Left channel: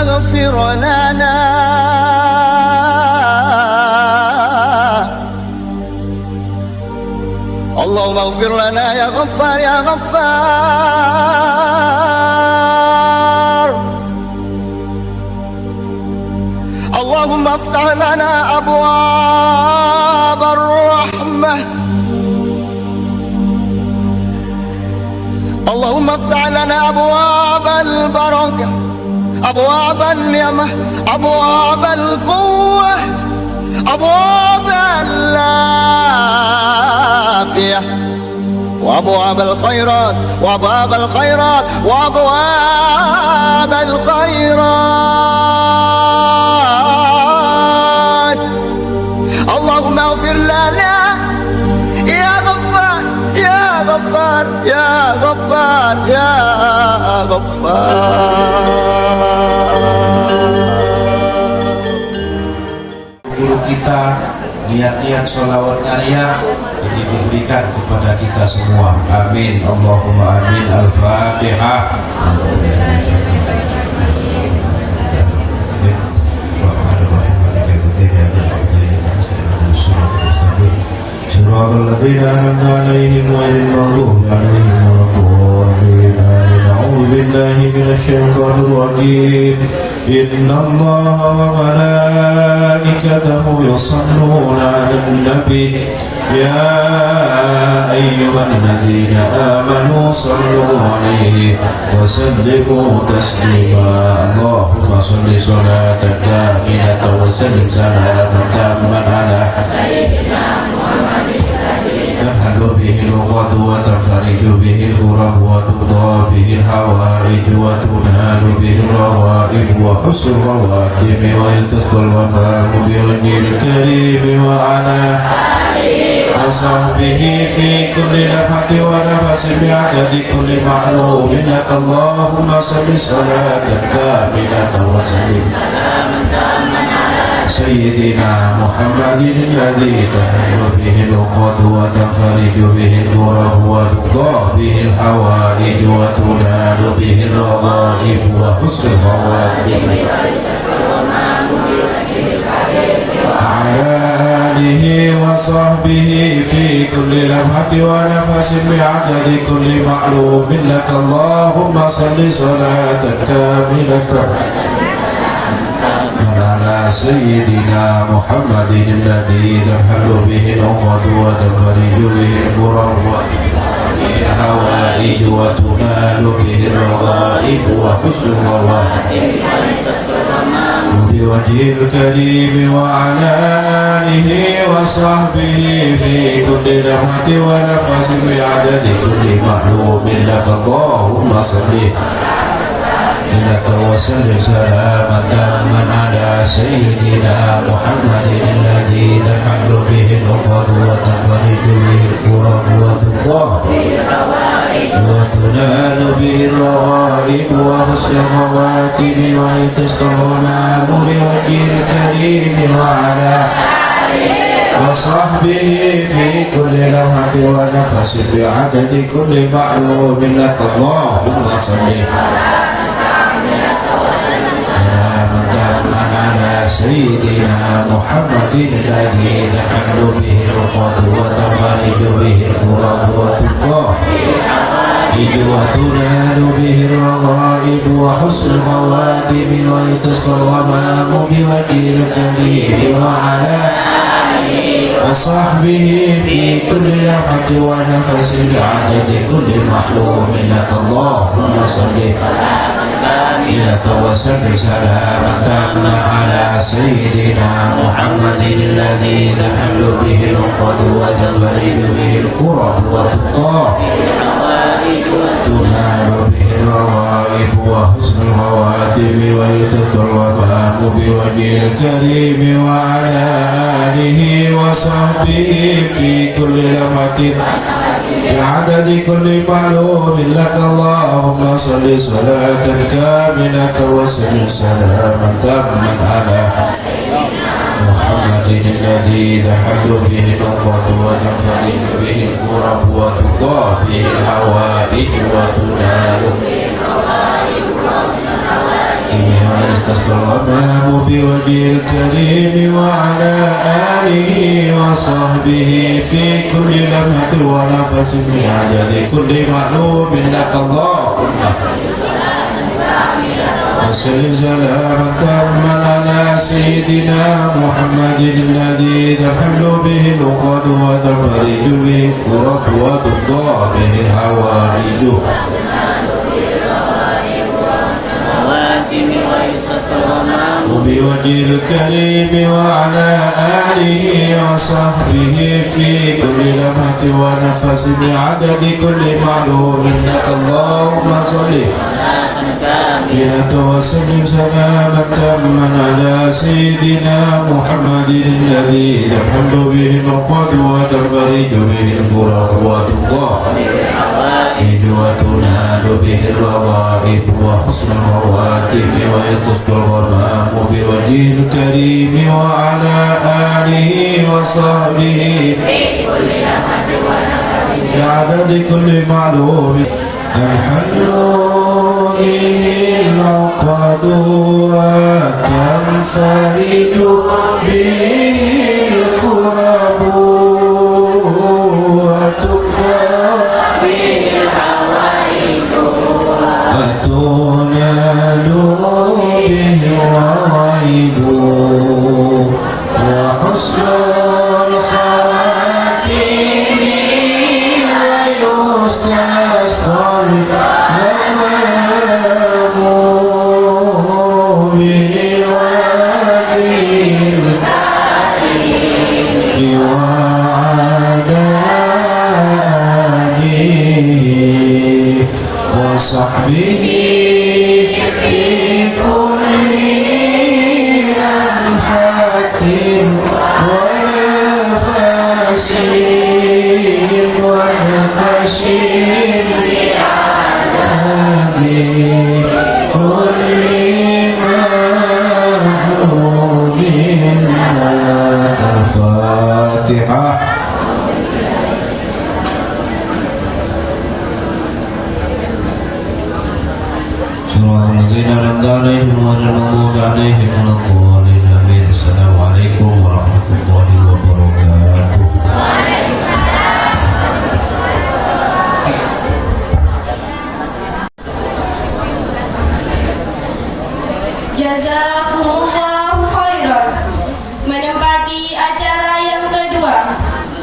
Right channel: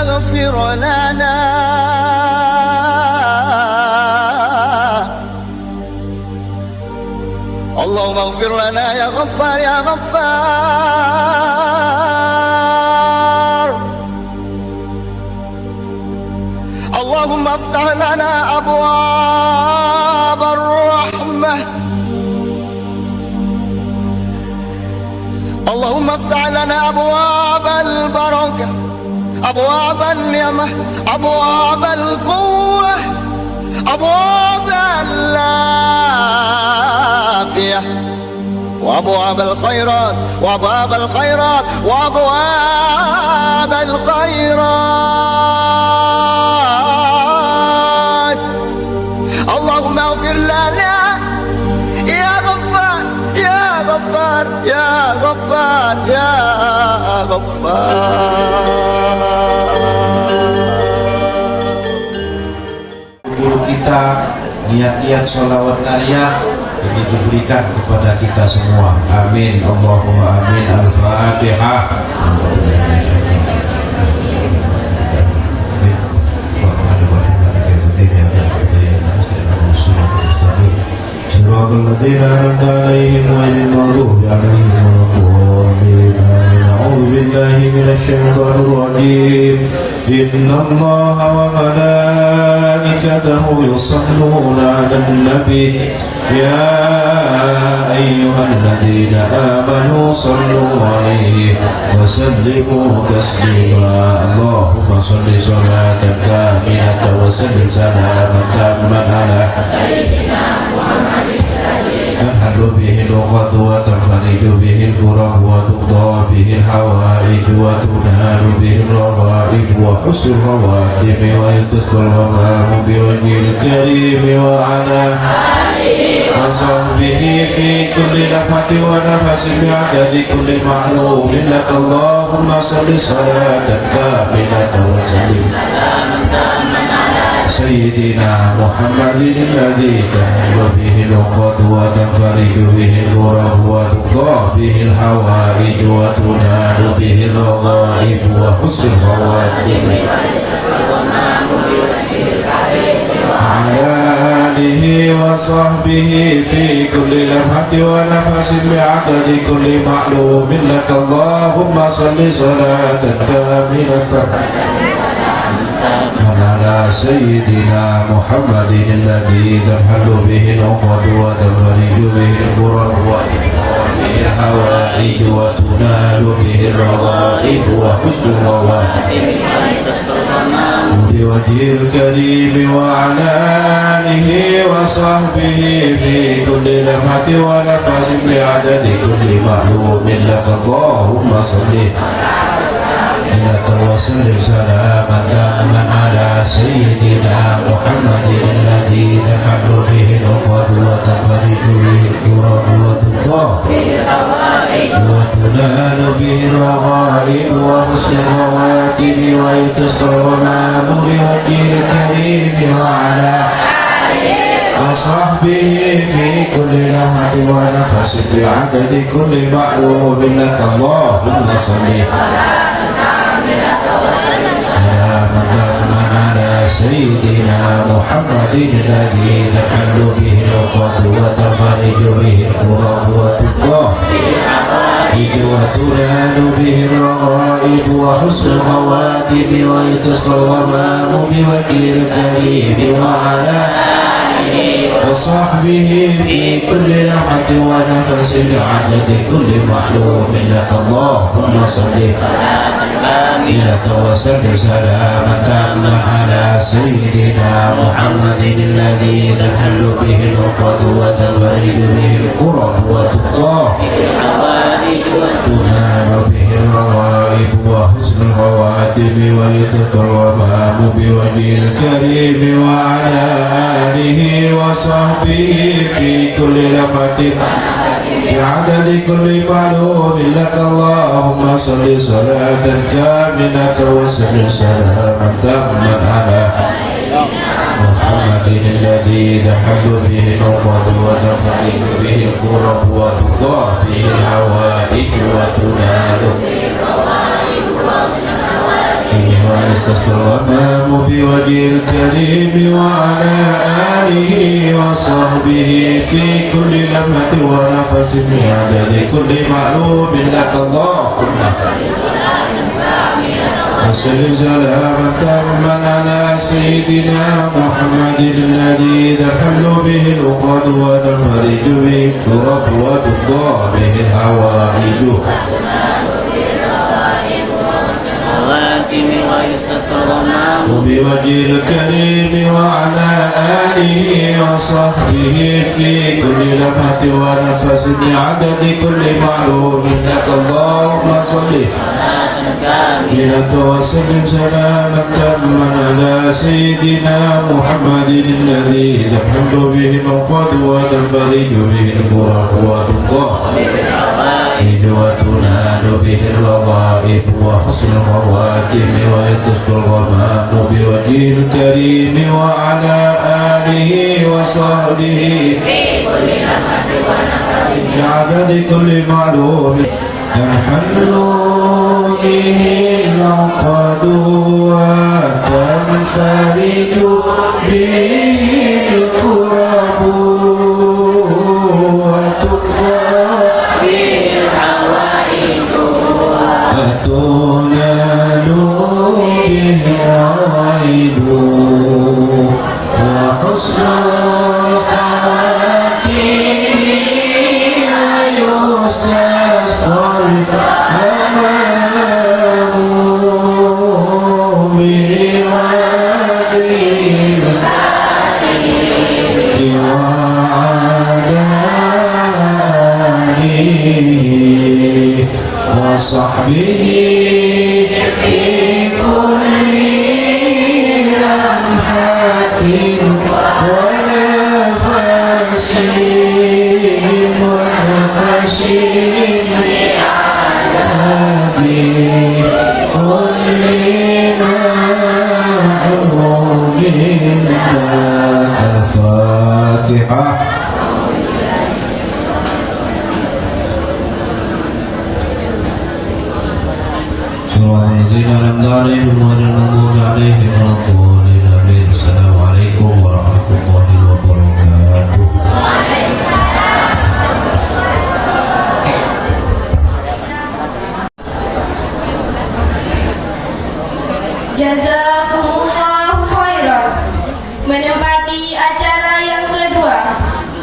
اغفر لنا اللهم اغفر لنا يا غفار يا غفار. اللهم افتح لنا أبواب الرحمة اللهم افتح لنا أبواب البركة أبواب النعمة أبواب القوة أبواب العافية وأبواب الخيرات وأبواب الخيرات وأبواب الخيرات. اللهم اغفر لنا يا غفار يا غفار يا غفار يا غفار. Guru kita niat-niat sholawat karya ini diberikan kepada kita semua. Amin. Allahumma amin. Al-Fatihah. الذين أنعمت عليهم غير المغضوب عليهم ولا الضالين. أعوذ بالله من الشيطان الرجيم. إن الله وملائكته يصلون على النبي يا أيها الذين آمنوا صلوا عليه وسلموا تسليما. اللهم صل صلاة كاملة وسلم سلاما تاما على تنحل به اللغة وتنفرج به الكرب وتقضى به الحوائج وتنال به الروائب وحسن الخواتم ويستسقى الغمام بوجه الكريم وعلى وصحبه في كل لمحة ونفس بعدد كل معلوم لك. اللهم صل صلاة كاملة وسلم سيدنا محمد الذي تحل به العقد وتنفرج به الكرب وتقضى به الحوائج وتنال به الرغائب وحسن الخواتم وعلى آله وصحبه في كل لمحة ونفس بعدد كل معلوم لك. اللهم صل صلاة كاملة على سيدنا محمد الذي تنحل به العقد وتنفرج به الكرب وتقضى به الحوائج وتنال به الرغائب وحسن الخواتم بوجه الكريم وعلى آله وصحبه في كل لمحة ونفس بعدد كل معلوم لك. اللهم صل وسلم سلاما تاما على سيدنا محمد الذي تنحل به العقد وتنفرج به الكرب وتقضى وتنال به الروائب وحسن الخواتم ويستسقى الغمام بوجه الكريم وعلى وصحبه في كل لمحة ونفس بعدد كل معلوم لك. اللهم صل سيدنا محمد الذي تحل به العقد وتنفرج به الكرب وتقضى وتنال به الرغائب وحسن الخواتم ويستسقى الغمام بوجه الكريم وعلى وصحبه في كل لمحة ونفس بعدد كل محلوم لك. اللهم صل وسلم سلاما تاما على سيدنا محمد الذي تنحل به العقد وتنفرج به الكرب وتقضى تنال به الروائب وحسن الخواتم ويستسقى الغمام بوجه الكريم وعلى آله وصحبه في كل لمحة بعدد كل معلوم لك. اللهم صل صلاة كاملة وسلم سلاما تاما على محمد الذي تحل به العقد وتنفرج به الكرب وتقضى به الحوائج وتنال وبوجه الكريم وعلى آله وصحبه في كل لمحة ونفس من عدد كل معلوم لك اللهم وسلم سلاما تاما على سيدنا محمد الذي ذا الحمل به العقد وتنفرج به الكرب وتقضى به الحوائج وبوجه الكريم وعلى آله وصحبه في كل لمحة ونفس بعدد كل معلوم لك اللهم صل وسلم سلاما تاما على سيدنا محمد الذي تحل به العقد وتنفرج به الكرب وتقضى وتنال به الرغائب وحسن الخواتم ويتصل الغمام بوجه الكريم وعلى آله وصحبه بعدد كل معلوم الحل به العقد وتنفرج به الكرب وتقضى به الحوائج وتنال به الرغائب وحسن الخاتم ويستسقى الغمام وصحبه في كل لمحة ونفس ونفس بكل معلوم لك الفاتحة. Assalamualaikum warahmatullahi wabarakatuh. Jazakumullahu khairan. Menempati acara yang kedua,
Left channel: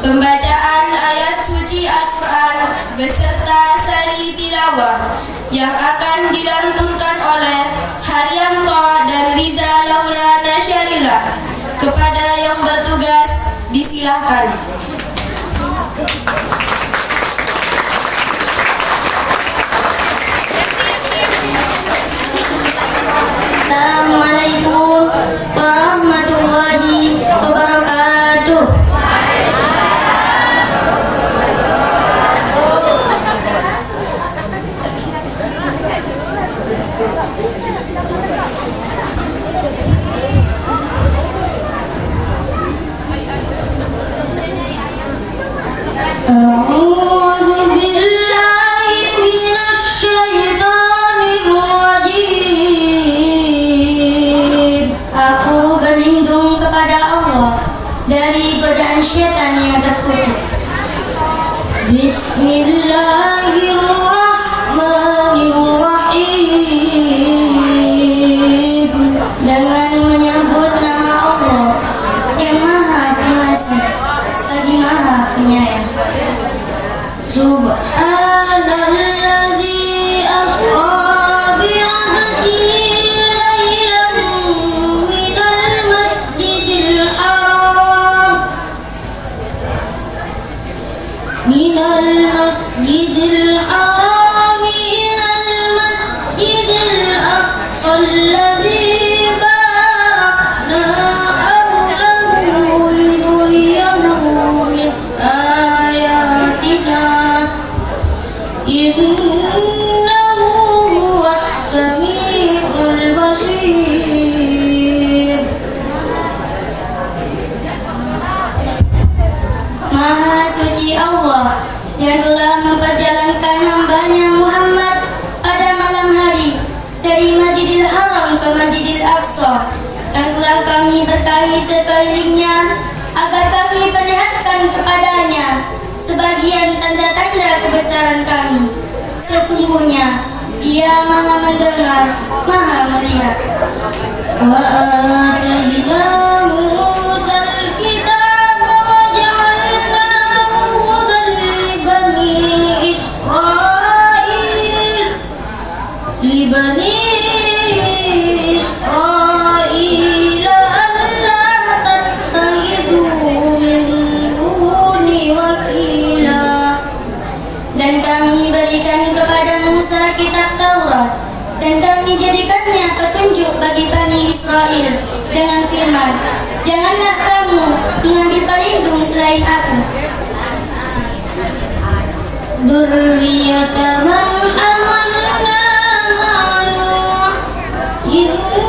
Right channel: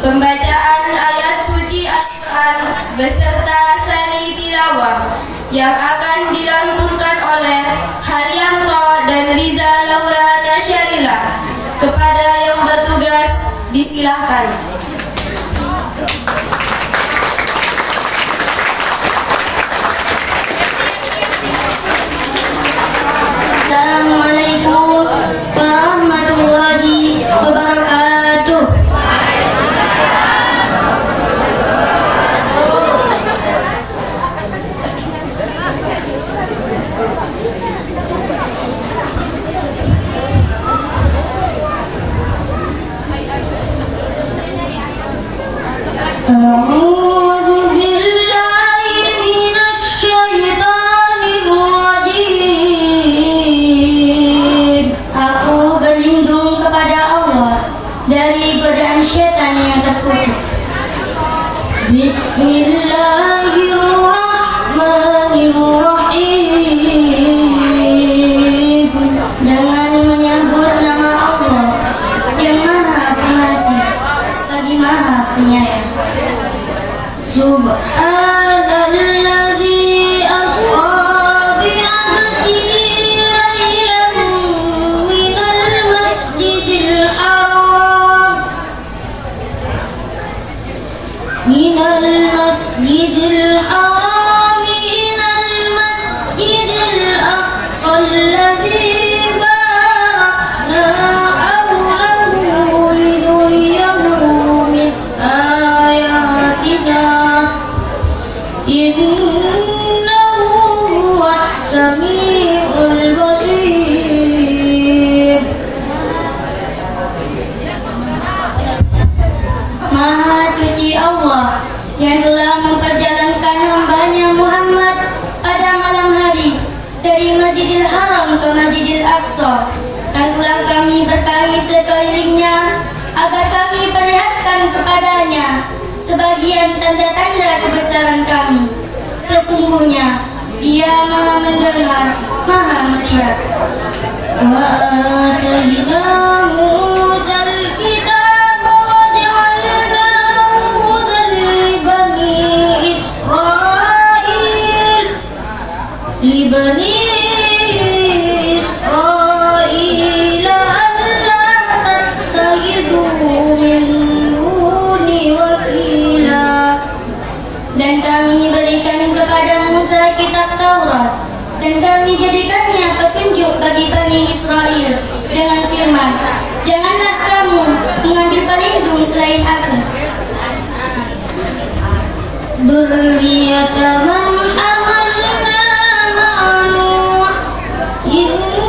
pembacaan ayat suci Al-Quran beserta sani tilawah yang akan dilantunkan oleh Haryanto dan Riza Laura Nasyarila. Kepada yang bertugas disilahkan. Assalamualaikum warahmatullahi wabarakatuh. Bismillahirrahmanirrahim. Dengan menyebut nama Allah yang Maha Pengasih lagi Maha Penyayang. Subhanalladzi asra bi'abdihi lailan minal masjidil haram ilal masjidil aqsa alladzi barakna hawlahu linuriyahu min ayatina innahu huwas samiul basir. Maha suci Allah yang telah memperjalankan hambanya Muhammad pada malam hari dari Masjidil Haram ke Masjidil Aqsa, dan telah kebesaran kami. Sesungguhnya Dia Maha mendengar, Maha melihat. Wa atayna Musa al-kitab wa ja'alnahu hudan li bani Israil alla tattakhidhu min duni wakila. Dan kami berikan kepada Musa kitab Taurat, dan kami jadikannya petunjuk bagi Bani Israel dengan firman, janganlah kamu mengambil pelindung selain aku. Dzurriyyata man hamalna ma'an innahu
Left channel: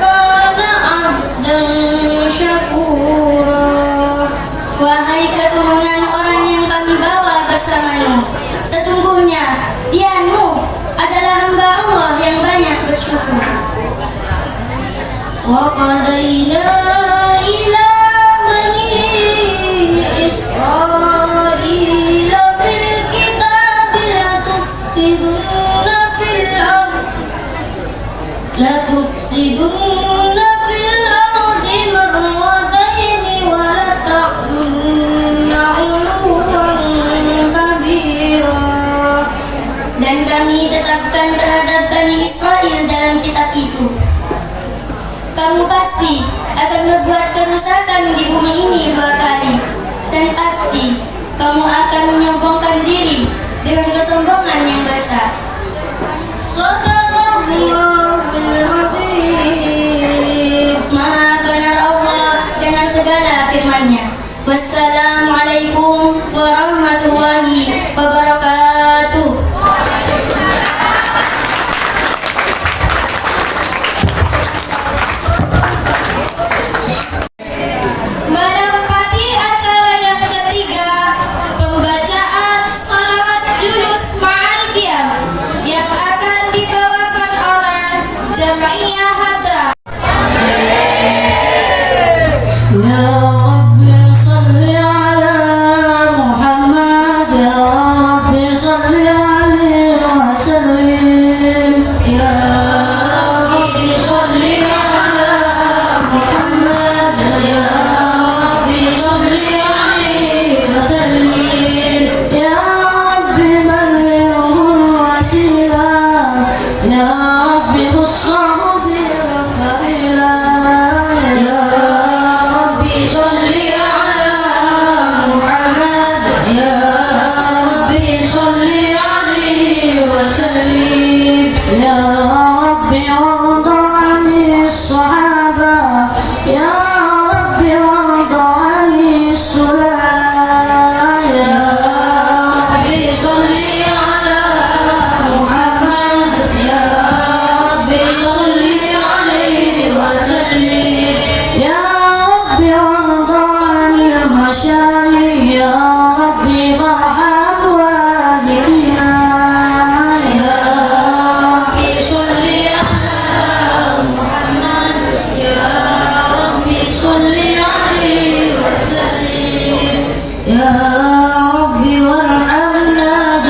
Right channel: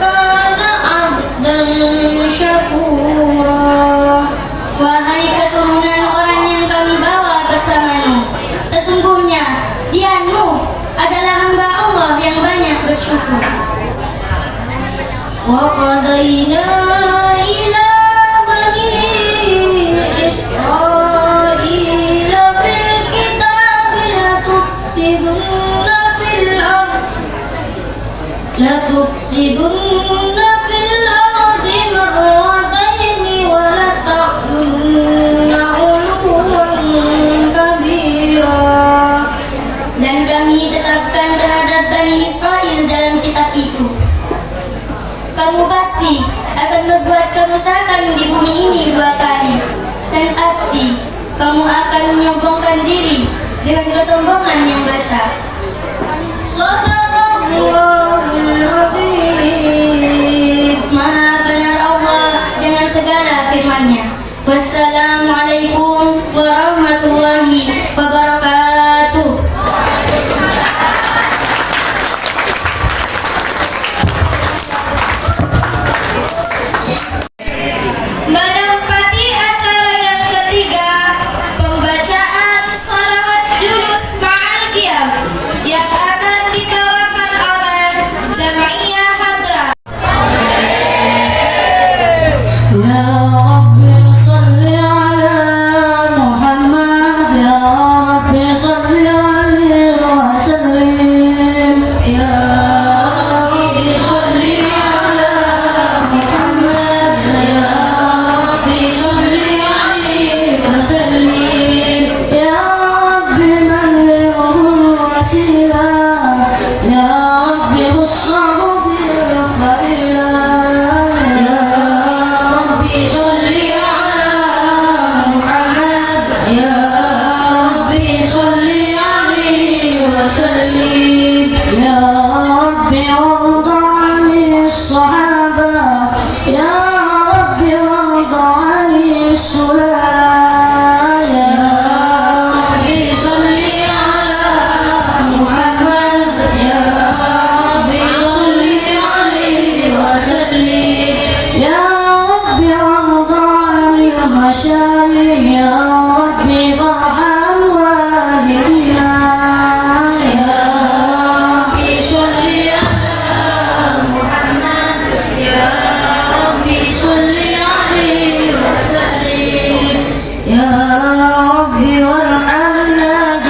kana 'abdan syakura. Wahai keturunan orang yang kami bawa bersamamu, sesungguhnya dia Nuh adalah hamba Allah yang banyak bersyukur. Wa qadayna ila bani Israila bil kitabi latufsidunna fil ardi marrataini wa lata'lunna 'uluwan kabira. Dan kami tetapkan terhadap Bani Israel dalam kitab itu, kamu pasti akan berbuat kerusakan di bumi ini 2 kali, dan pasti kamu akan menyombongkan diri dengan kesombongan yang besar. Maha benar Allah dengan segala firman-Nya. Wassalamualaikum warahmatullahi wabarakatuh. Menempati acara yang ketiga, pembacaan salawat julus ma'al qiyam yang akan dibawakan oleh Jam'iyah Hadrah. Ya Rabbi salli ala Muhammad, ya Rabbi salli alaihi wa sallim. Ya Rabbi salli ala Muhammad, ya Rabbi salli alaihi wa sallim. Ya Rabbi ballighul wasilah, ya Rabbi khussahu bil fadilah. Ya Rabbi warhamna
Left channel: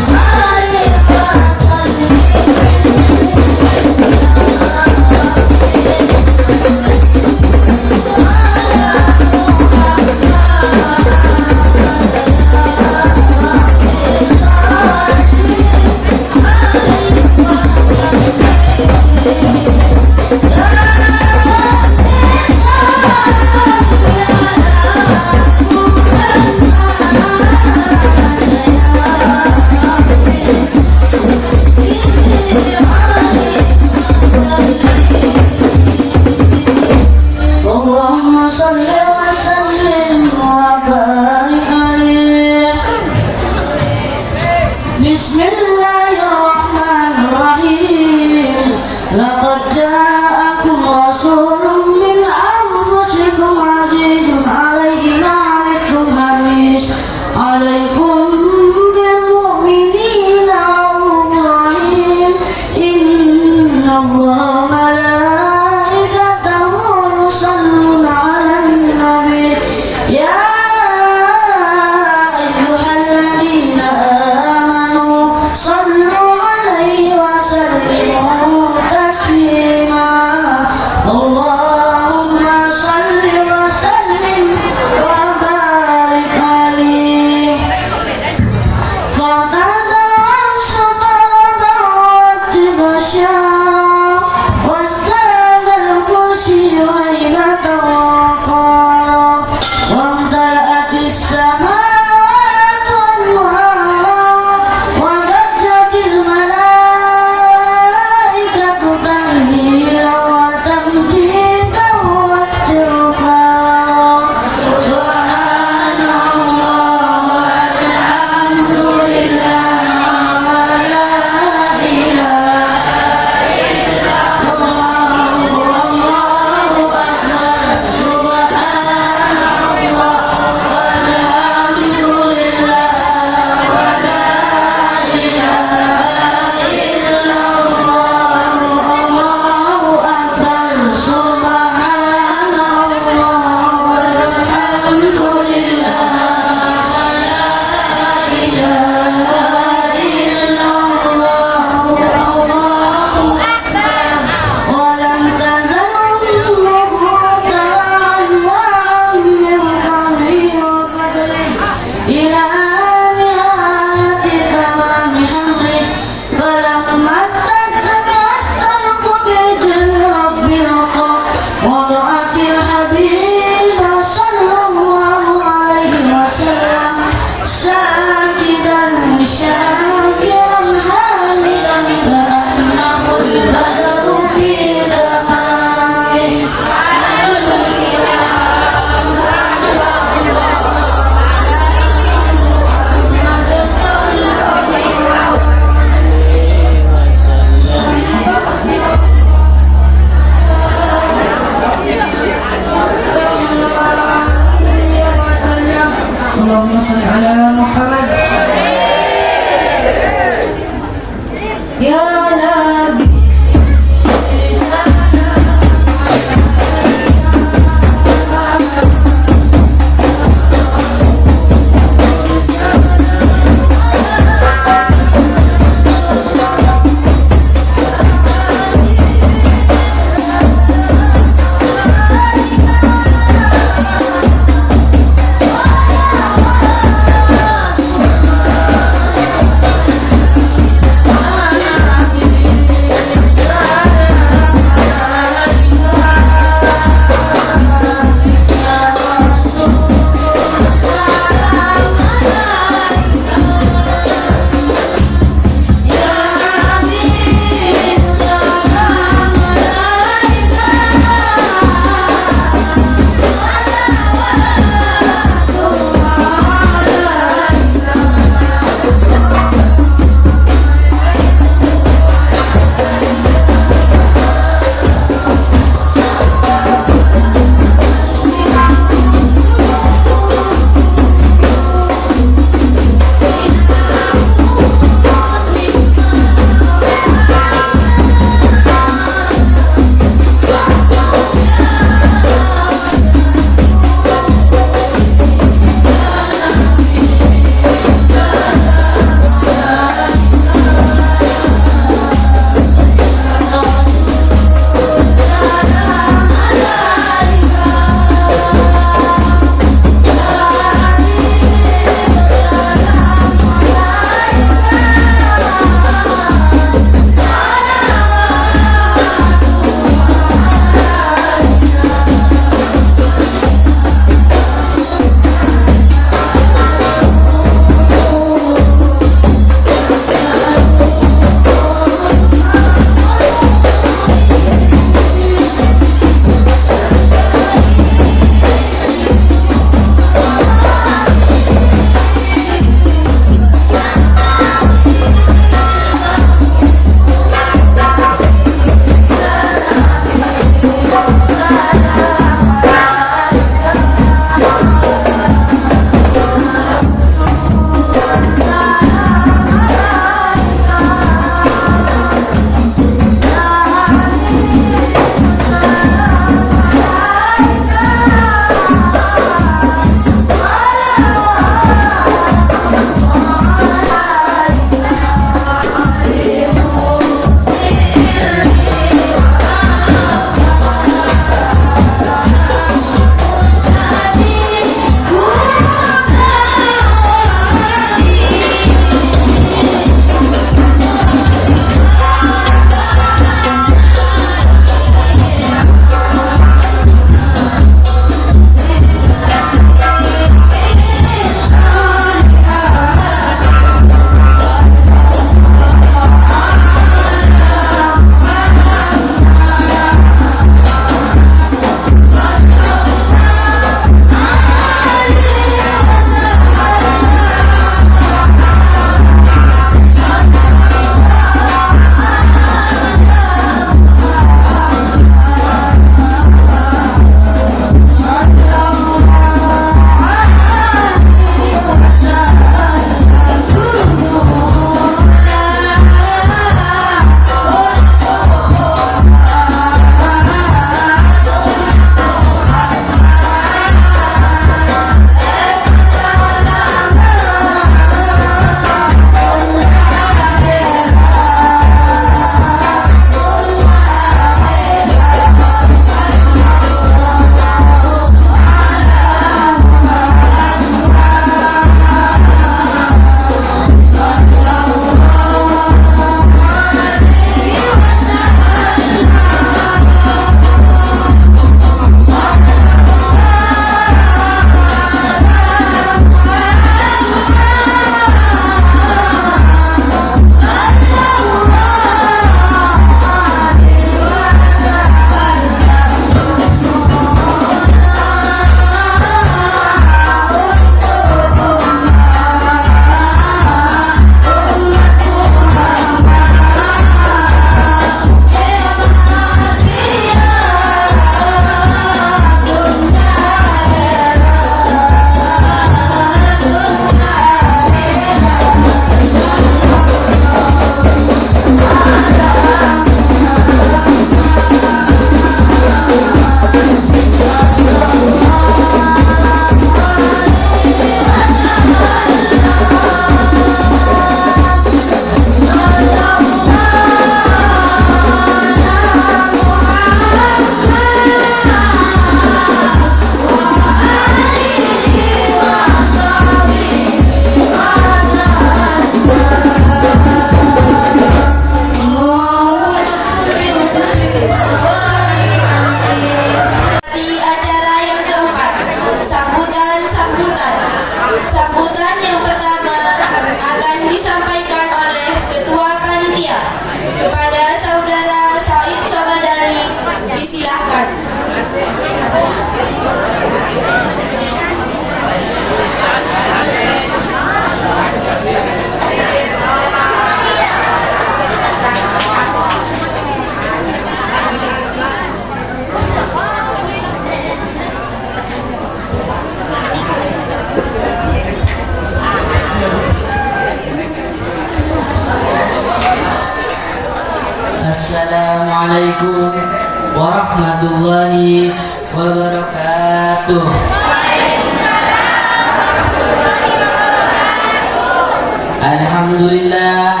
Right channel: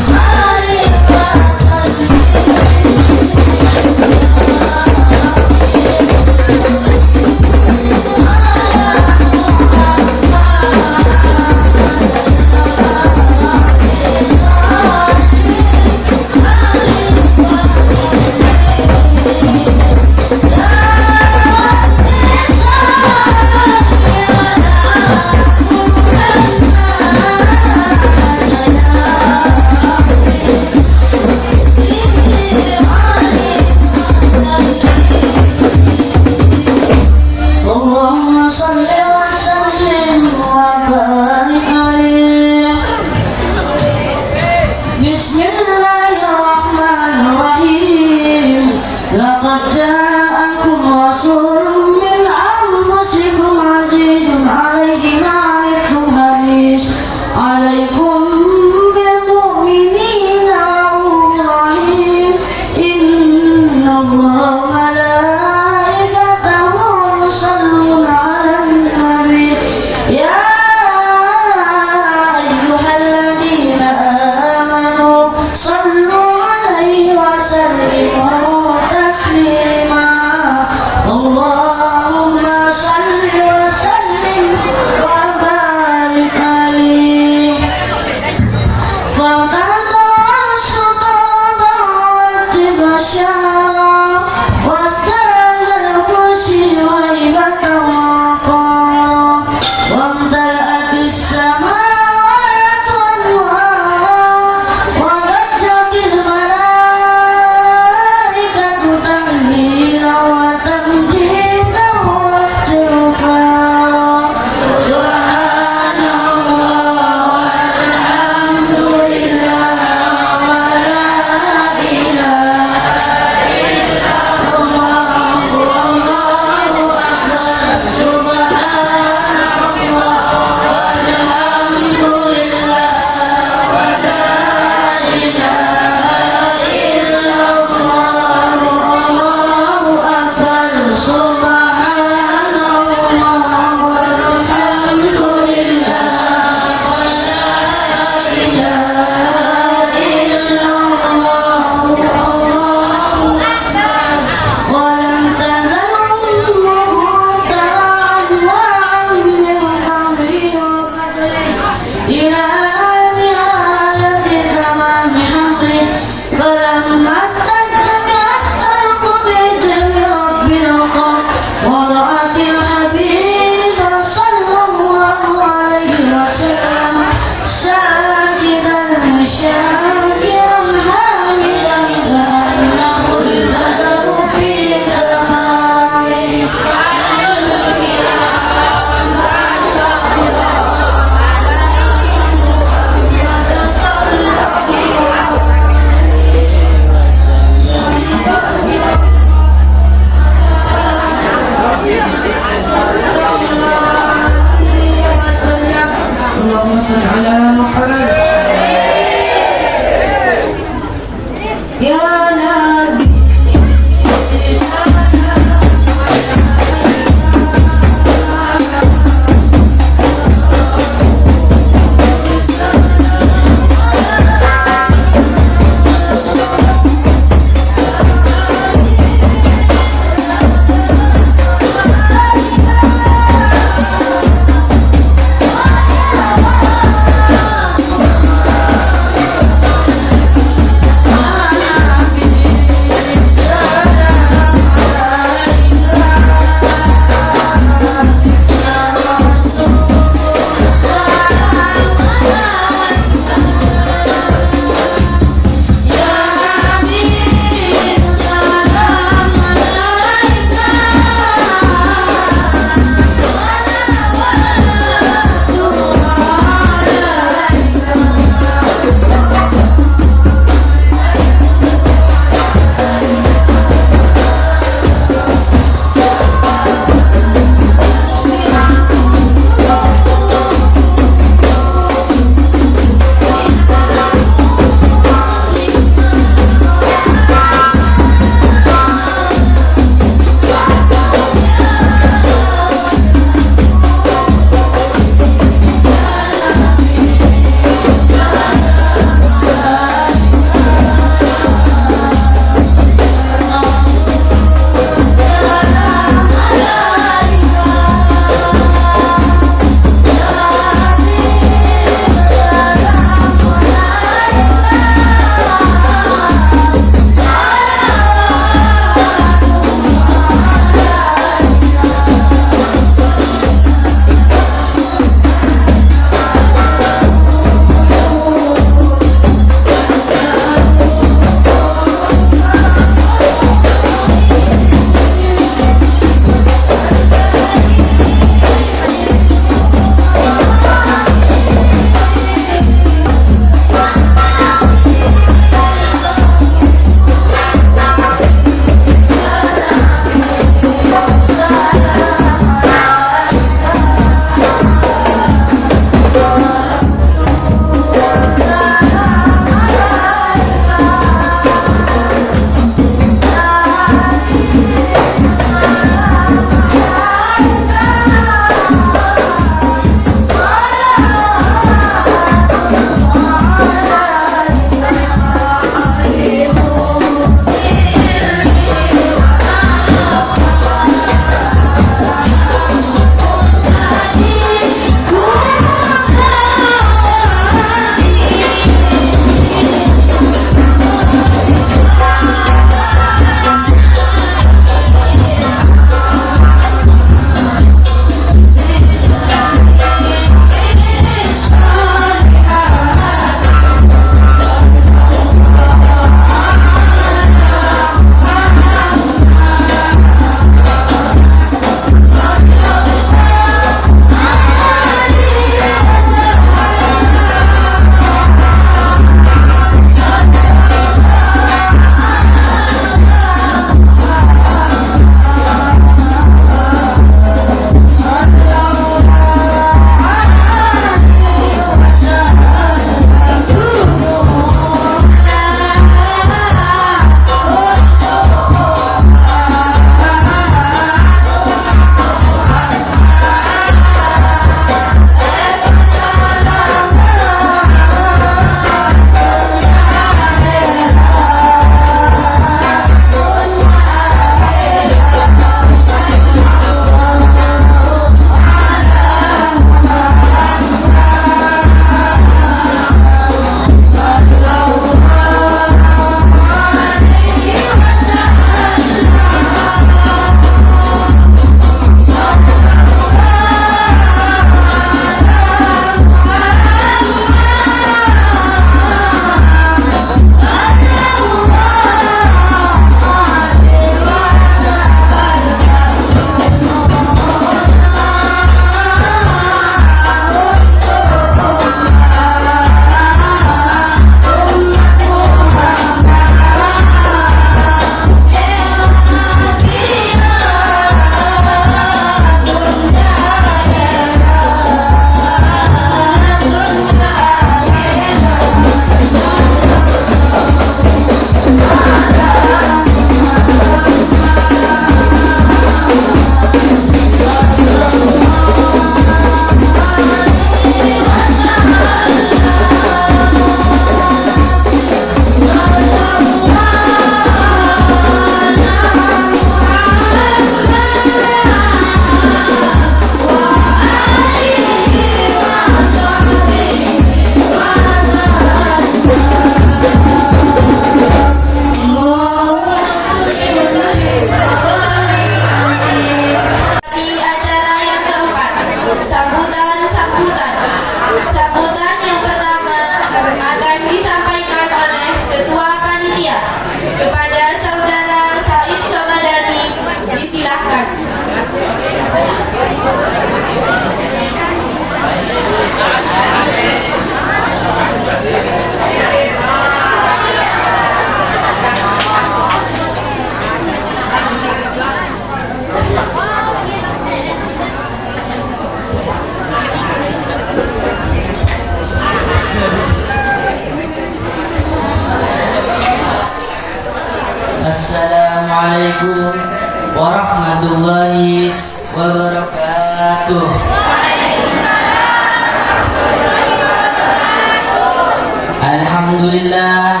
Alhamdulillah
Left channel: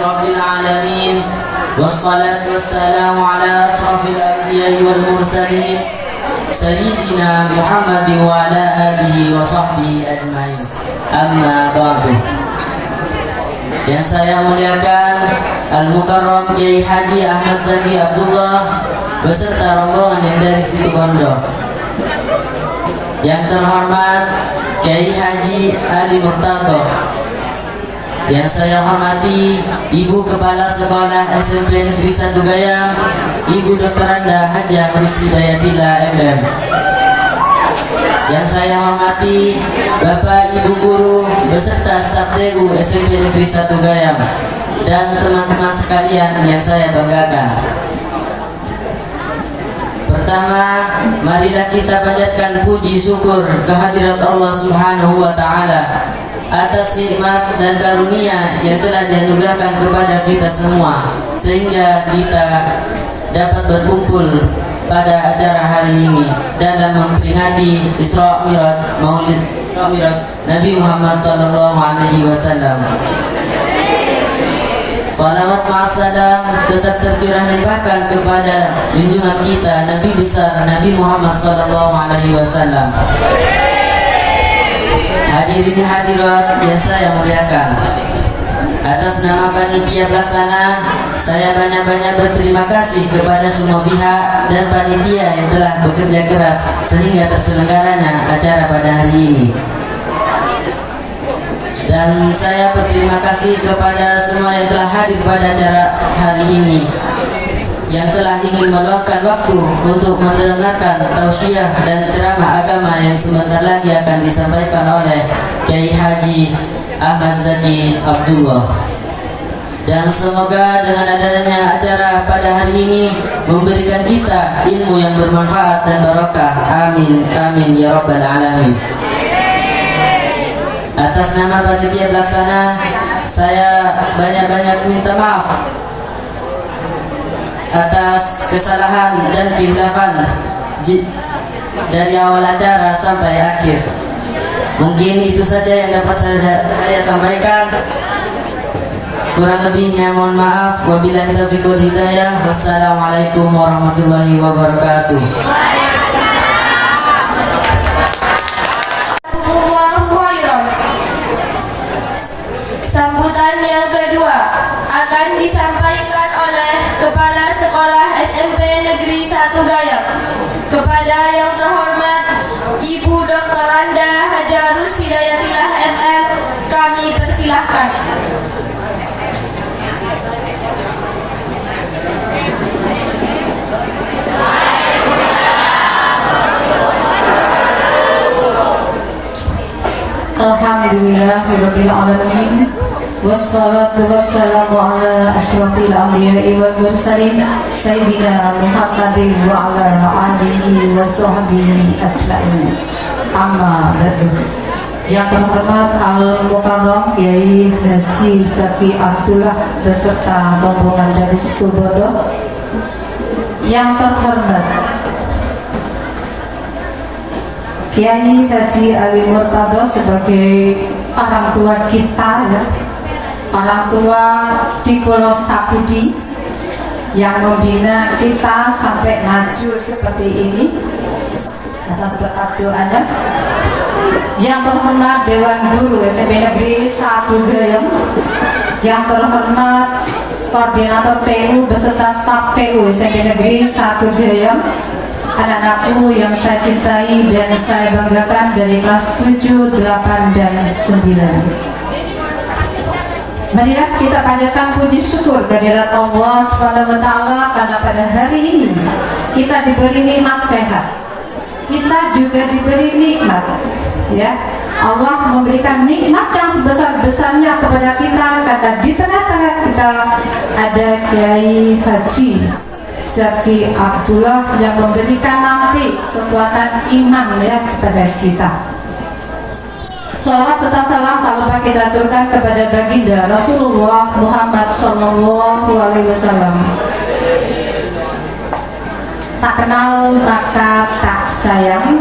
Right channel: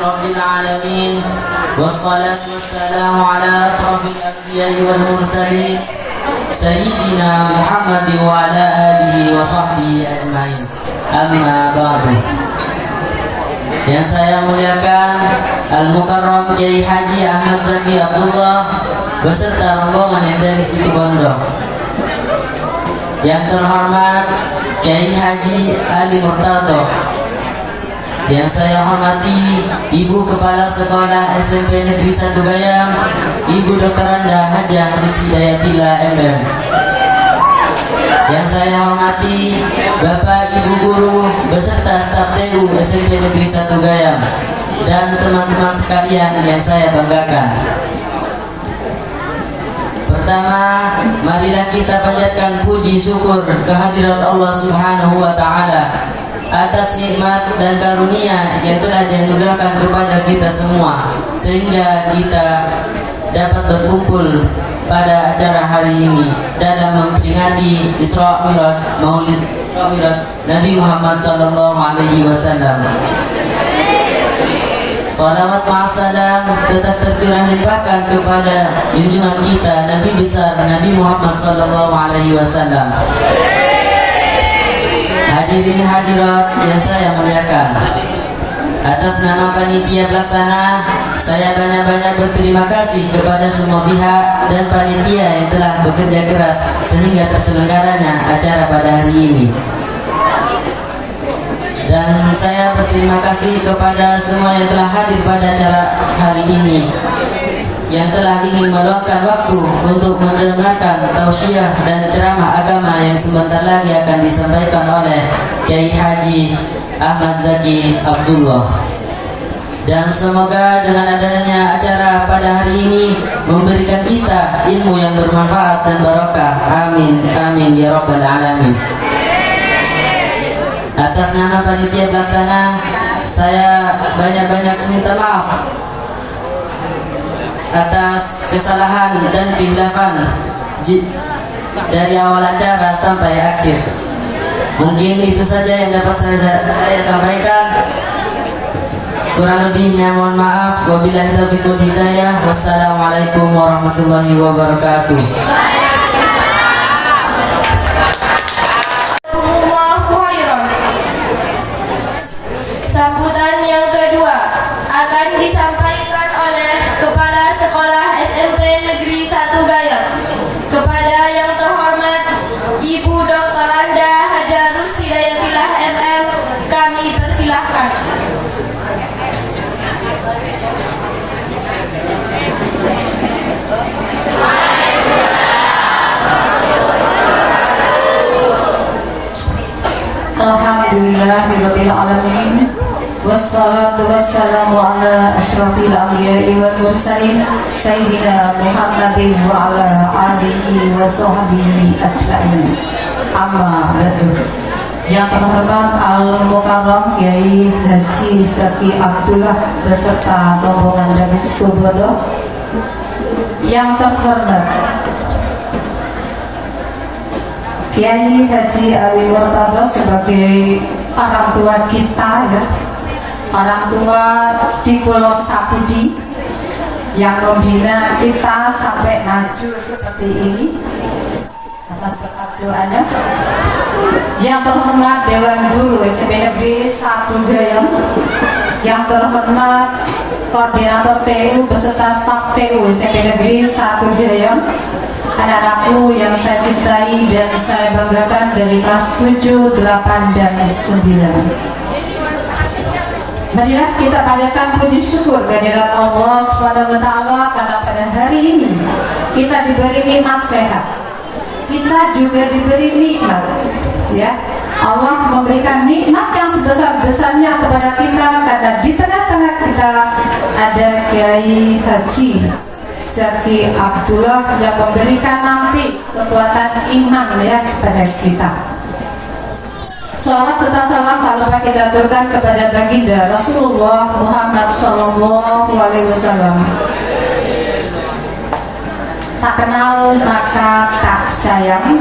Rabbil Alamin. Wassalatu wassalamu ala asrafil anbiya'i wal mursalin Sayyidina Muhammadin wa ala alihi wa sahbihi ajma'in. Amma ba'du. Yang saya muliakan Al-Mukarram Kiai Haji Ahmad Zaki Abdullah beserta rombongan yang dari situ Bondo. Yang terhormat Kiai Haji Ali Murtado. Yang saya hormati Ibu Kepala Sekolah SMP Negeri 1 Gayam, Ibu Dr. Anda Hajah Rushidayatillah MM. Yang saya hormati Bapak Ibu Guru beserta staf TU SMP Negeri 1 Gayam dan teman-teman sekalian yang saya banggakan. Pertama, marilah kita panjatkan puji syukur kehadirat Allah Subhanahu wa taala atas nikmat dan karunia yang telah dianugerahkan kepada kita semua sehingga kita dapat berkumpul pada acara hari ini dalam memperingati Isra Mi'raj Maulid Isra Mi'raj Nabi Muhammad sallallahu alaihi wasallam. Salawat ma'assalam tetap tercurah limpahkan kepada junjungan kita Nabi besar Nabi Muhammad sallallahu alaihi wasallam. Hadirin hadirat yang saya muliakan, atas nama panitia pelaksana saya banyak-banyak berterima kasih kepada semua pihak dan panitia yang telah bekerja keras sehingga terselenggaranya acara pada hari ini. Dan saya berterima kasih kepada semua yang telah hadir pada acara hari ini, yang telah ingin meluangkan waktu untuk mendengarkan tausiah dan ceramah agama yang sebentar lagi akan disampaikan oleh Kiai Haji Ahmad Zaki Abdullah. Dan semoga dengan adanya acara pada hari ini memberikan kita ilmu yang bermanfaat dan barokah. Amin, amin ya rabbal alamin. Atas nama panitia pelaksana saya banyak-banyak minta maaf atas kesalahan dan kehilafan dari awal acara sampai akhir. Mungkin itu saja yang dapat saya sampaikan. Kurang lebihnya mohon maaf. Wabillahi taufiq wal hidayah. Wassalamualaikum warahmatullahi wabarakatuh. Sambutan yang kedua akan disampaikan oleh Kepala Sekolah SMP Negeri 1 Gayam. Kepada yang terhormat Ibu Dr. Anda Hajah Rushidayatillah MM, kami persilahkan. Alhamdulillahirabbil alamin. Wassalatu wassalamu ala asyrafil anbiya'i wal mursalin Sayyidina Muhammadin wa ala alihi wa sahbihi ajma'in. Amma ba'du. Yang terhormat Al-Mukarram Kiai Haji Zaki Abdullah beserta rombongan dari Bondo. Yang terhormat Kiai Haji Ali Murtado sebagai orang tua kita, ya, orang tua di Pulau Sapudi yang membina kita sampai maju seperti ini. Atas berkat doanya. Yang terhormat Dewan Guru SMP Negeri 1 Gayam, yang terhormat Koordinator TU beserta staf TU SMP Negeri 1 Gayam, anak-anakku yang saya cintai dan saya banggakan dari kelas 7, 8, dan 9. Marilah kita panjatkan puji syukur kehadirat Allah Subhanahu wa taala karena pada hari ini kita diberi nikmat sehat. Kita juga diberi nikmat, ya. Allah memberikan nikmat yang sebesar-besarnya kepada kita karena di tengah-tengah kita ada Kiai Haji Zaki Abdullah yang memberikan nanti kekuatan iman, ya, kepada kita. Salawat serta salam tak lupa kita aturkan kepada baginda Rasulullah Muhammad SAW. Tak kenal maka tak sayang.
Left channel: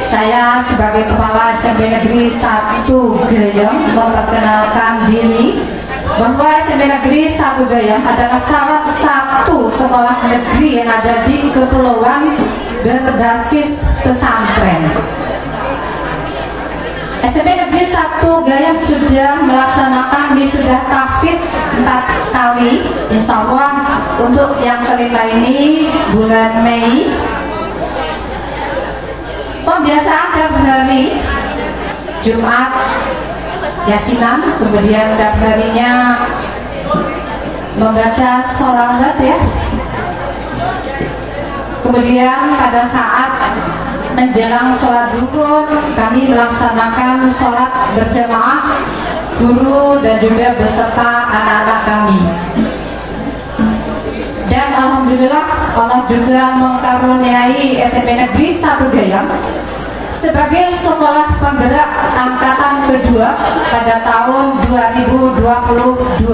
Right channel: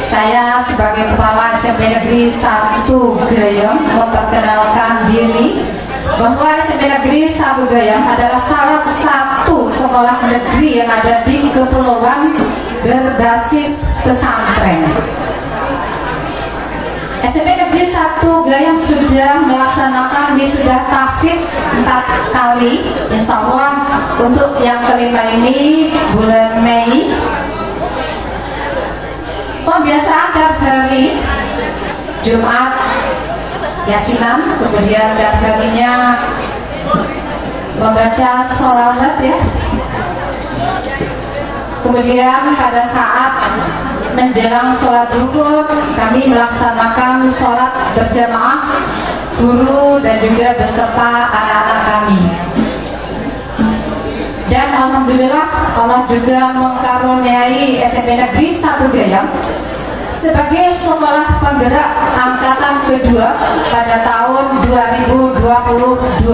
Saya sebagai kepala SMP Negeri 1 Gayam Satu Gayam adalah salah satu sekolah negeri yang ada di kepulauan berbasis pesantren. SMP Negeri 1 Gayam sudah melaksanakan wisuda tahfidz 4 kali, insya Allah untuk yang kelima ini bulan Mei. Pembiasaan tiap hari Jumat Yasinan, kemudian tiap harinya membaca sholawat ya. Kemudian pada saat menjelang sholat duhur kami melaksanakan sholat berjamaah, guru dan juga beserta anak-anak kami. Dan alhamdulillah Allah juga mengkaruniai SMP Negeri 1 Gayam sebagai sekolah penggerak angkatan kedua pada tahun 2022.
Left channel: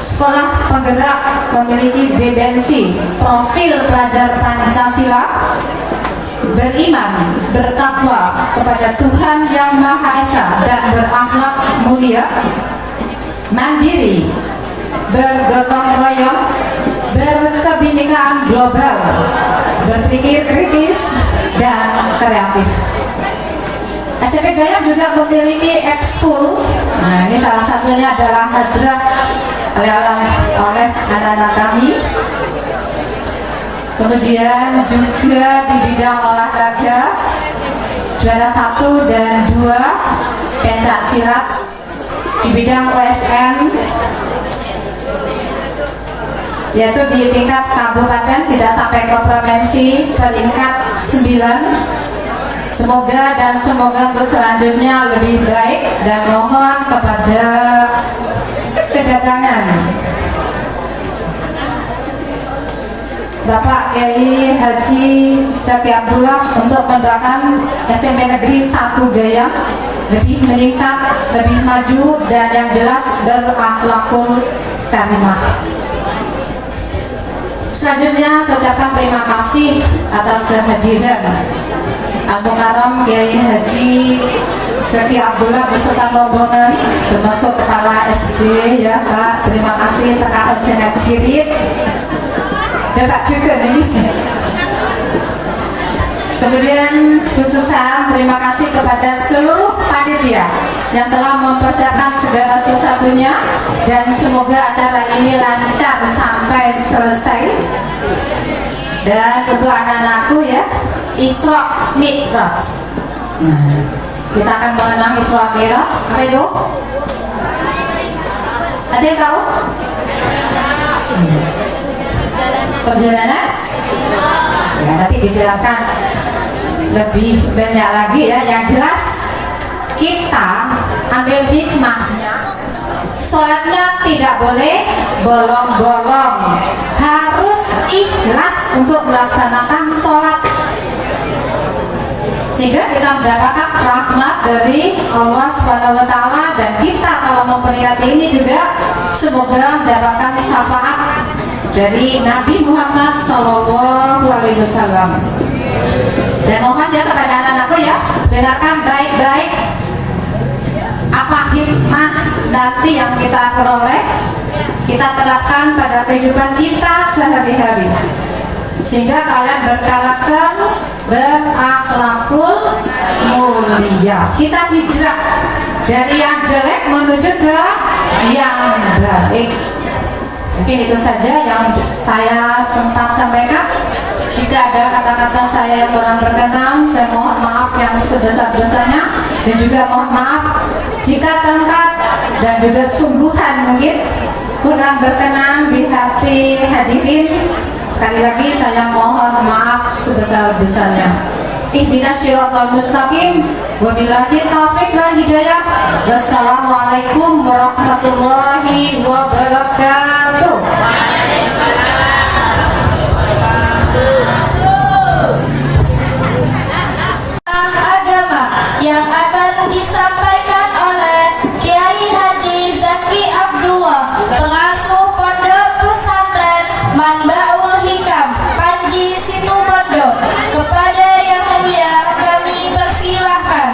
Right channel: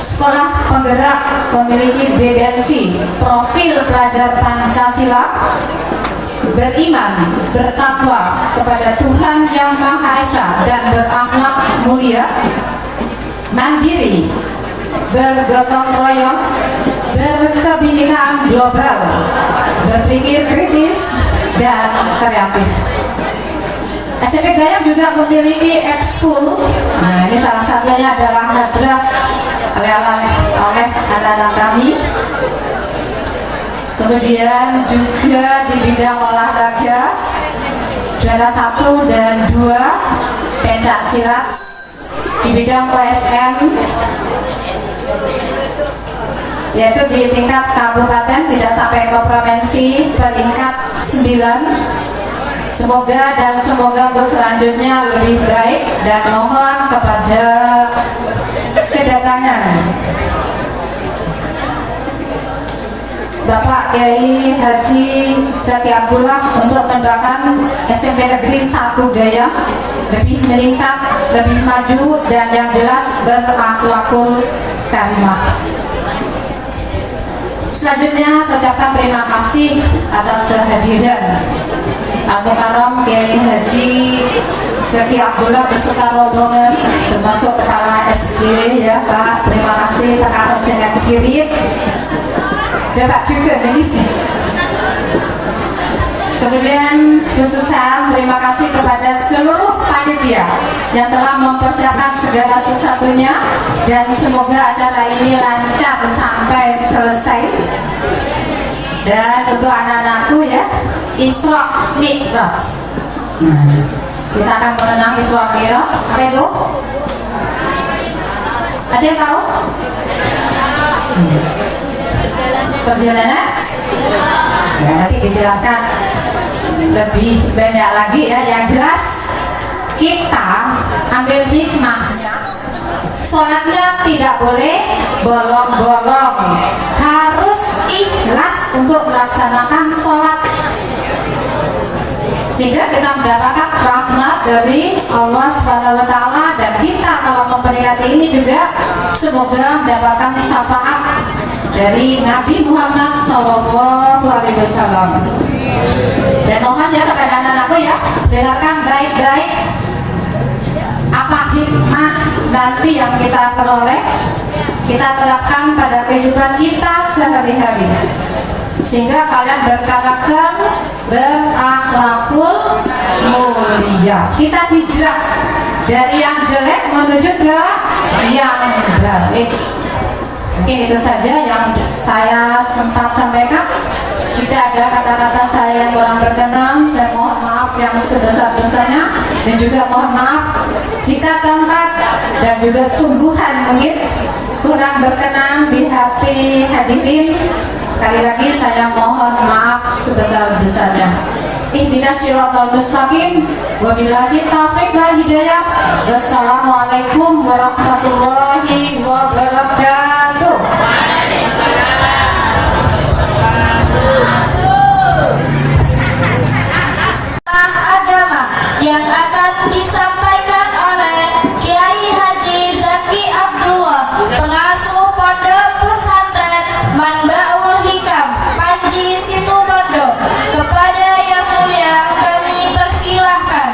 Sekolah penggerak memiliki BBNC, profil pelajar Pancasila, beriman, bertakwa kepada Tuhan Yang Maha Esa dan berakhlak mulia, mandiri, bergotong royong, berkebinekaan global, berpikir kritis dan kreatif. SMP Gayam juga memiliki ekskul. Nah, ini salah satunya adalah hadrah oleh anak-anak kami. Kemudian juga di bidang olahraga juara 1 dan 2 pencak silat, di bidang OSN yaitu di tingkat kabupaten tidak sampai ke provinsi peringkat 9. Semoga untuk selanjutnya lebih baik dan mohon kepada kedatangan Bapak Kiai Haji Zaki Abdullah untuk mendoakan SMP Negeri 1 Gayam lebih meningkat, lebih maju dan yang jelas berakhlakul karimah. Selanjutnya saya ucapkan terima kasih atas kehadiran Al-Mukarram Kiai Haji Zaki Abdullah beserta rombongan termasuk kepala SD ya Pak. Terima kasih Pak Jangan Kirit dapat juga ini. Kemudian khususan terima kasih kepada seluruh panitia yang telah mempersiapkan segala sesuatunya dan semoga acara ini lancar sampai selesai. Dan untuk anak-anakku ya, Isra Mi'raj. Kita akan mengenang Isra Mi'raj. Apa itu? Ada yang tahu? Perjalanan? Ya, nanti dijelaskan lebih banyak lagi ya. Yang jelas kita ambil hikmahnya. Sholatnya tidak boleh bolong-bolong, harus ikhlas untuk melaksanakan sholat, sehingga kita mendapatkan rahmat dari Allah Subhanahu wa Ta'ala. Dan kita kalau memperingati ini juga semoga mendapatkan syafaat dari Nabi Muhammad SAW. Dan mohon ya kepada anak-anakku ya, dengarkan baik-baik apa hikmah nanti yang kita peroleh, kita terapkan pada kehidupan kita sehari-hari, sehingga kalian berkarakter, berakhlakul mulia. Kita hijrah dari yang jelek menuju ke yang baik. Mungkin itu saja yang saya sempat sampaikan. Jika ada kata-kata saya yang kurang berkenan, saya mohon maaf yang sebesar-besarnya, dan juga mohon maaf jika tempat dan juga sungguhan mungkin kurang berkenan di hati hadirin. Sekali lagi saya mohon maaf sebesar-besarnya. Ihdinas siratal mustaqim, wabillahi taufiq wal hidayah. Wassalamualaikum warahmatullahi wabarakatuh. Agama yang akan disampaikan oleh Kiai Haji Zaki Abdullah, pengasuh Pondok Pesantren Manbaul Hikam, Panji Situbondo. Kepada Yang Mulia kami persilahkan.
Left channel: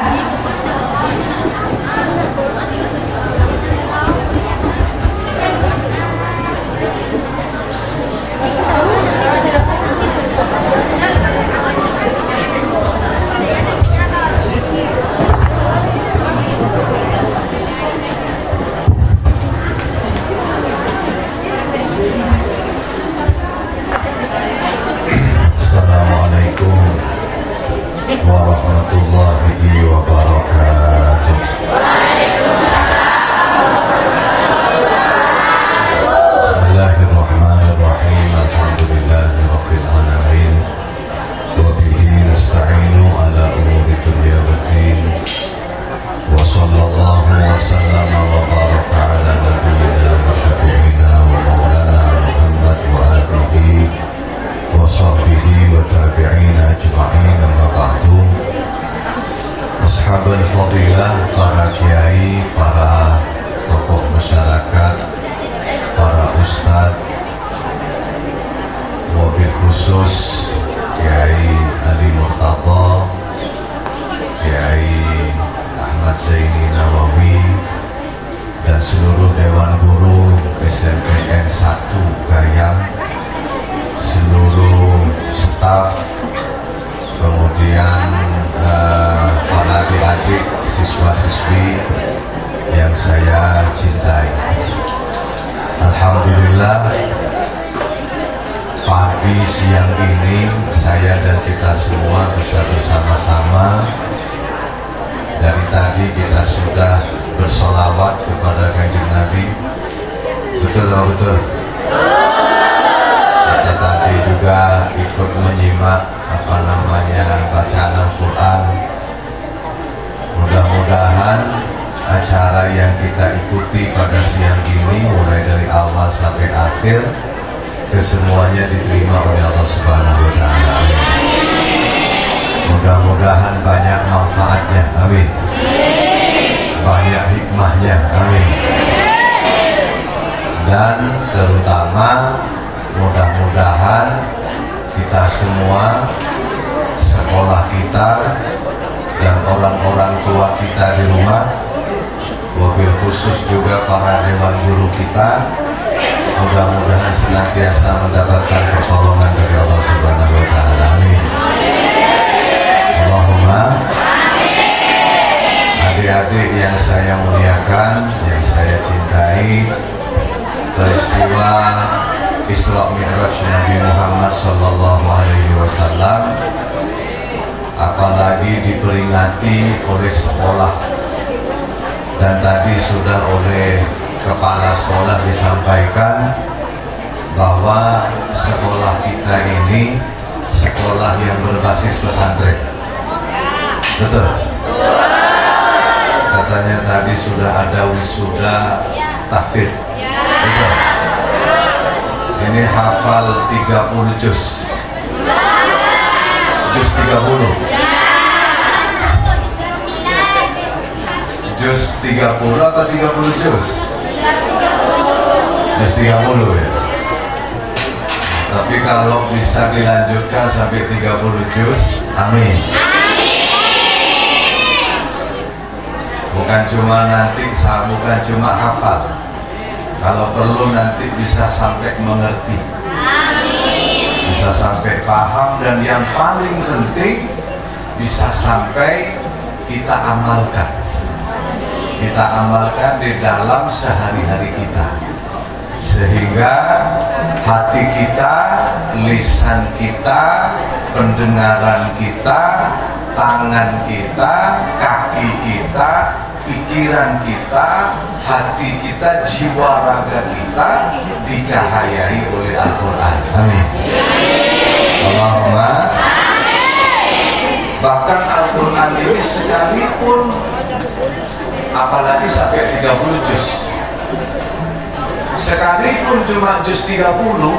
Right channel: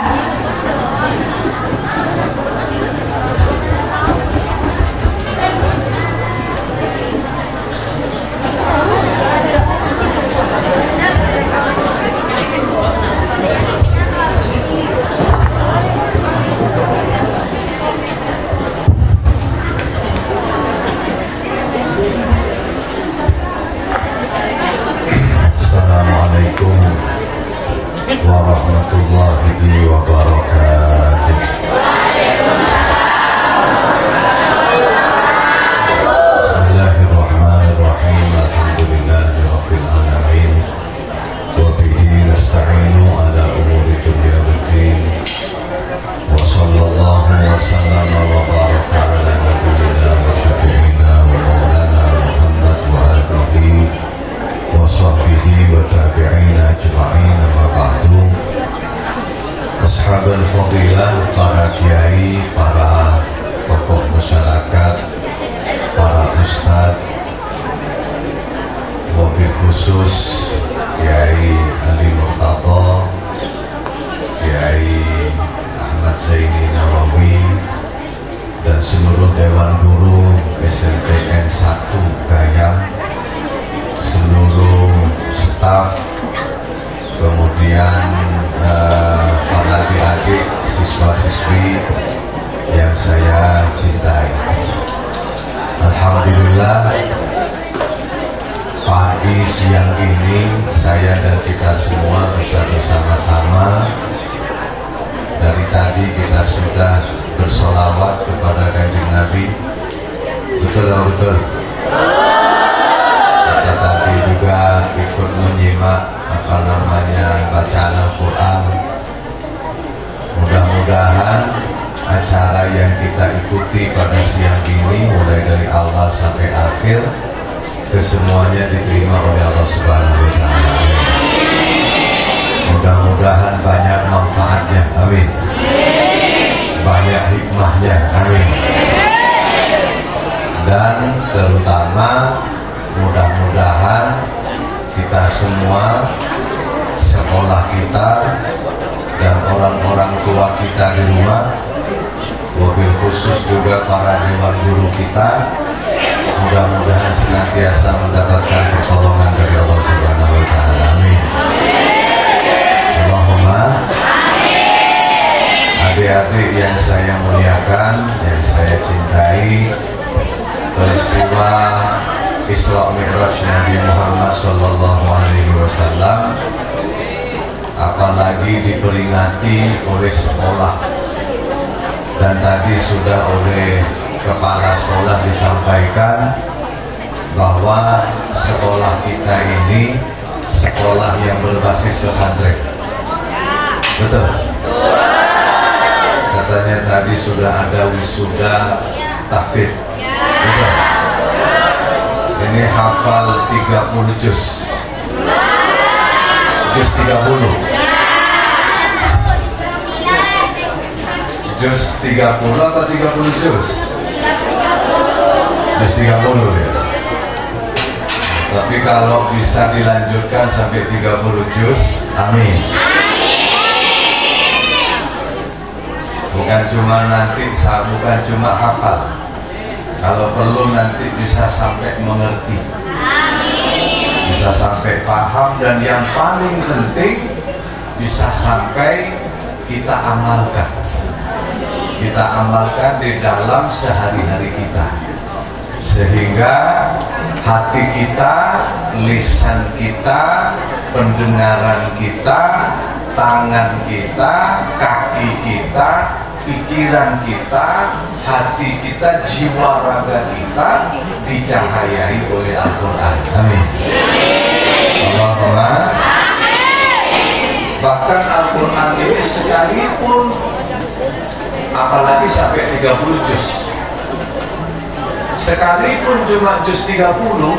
Nawawi dan seluruh Dewan Guru SMPN 1 Gayam, seluruh staf, kemudian para adik-adik siswa-siswi yang saya cintai. Alhamdulillah, pagi siang ini saya dan kita semua bisa bersama-sama. Dari tadi kita sudah bersolawat kepada Kanjeng Nabi. Betul atau betul? Kita tadi juga ikut menyimak bacaan Al-Quran. Mudah-mudahan acara yang kita ikuti pada siang ini mulai dari awal sampai akhir kesemuanya diterima oleh Allah Subhanahu wa Ta'ala. Mudah-mudahan banyak manfaatnya, amin. Banyak hikmahnya, amin. Dan terutama mudah-mudahan kita semua, sekolah kita dan orang-orang tua kita di rumah, wabil khusus juga para dewan guru kita, mudah-mudahan senantiasa mendapatkan pertolongan dari Allah Subhanahu wa Ta'ala. Amin. Allahumma. Adik-adik yang saya muliakan, yang saya cintai, peristiwa Isra Mi'raj Nabi Muhammad Sallallahu Alaihi Wasallam apalagi diperingati oleh sekolah, dan tadi sudah oleh kepala sekolah disampaikan bahwa sekolah kita ini sekolah yang berbasis pesantren. Betul? Katanya tadi sudah ada wisuda tahfidz. Betul? Ini hafal 30 juz. Juz 30. Juz 30 atau 30 juz? Juz 30 ya. Tapi kalau bisa dilanjutkan sampai 30 juz, amin. Bukan cuma nanti, bukan cuma hafal. Kalau perlu nanti bisa sampai mengerti, bisa sampai paham, dan yang paling penting bisa sampai kita amalkan. Kita amalkan di dalam sehari-hari kita, sehingga hati kita, lisan kita, pendengaran kita, tangan kita, kaki kita, pikiran kita, hati kita, jiwa raga kita dicahayai oleh Al-Quran. Amin. Allahumma. Bahkan Al-Quran ini sekalipun, apalagi sampai 30 juz, sekalipun cuma juz 30,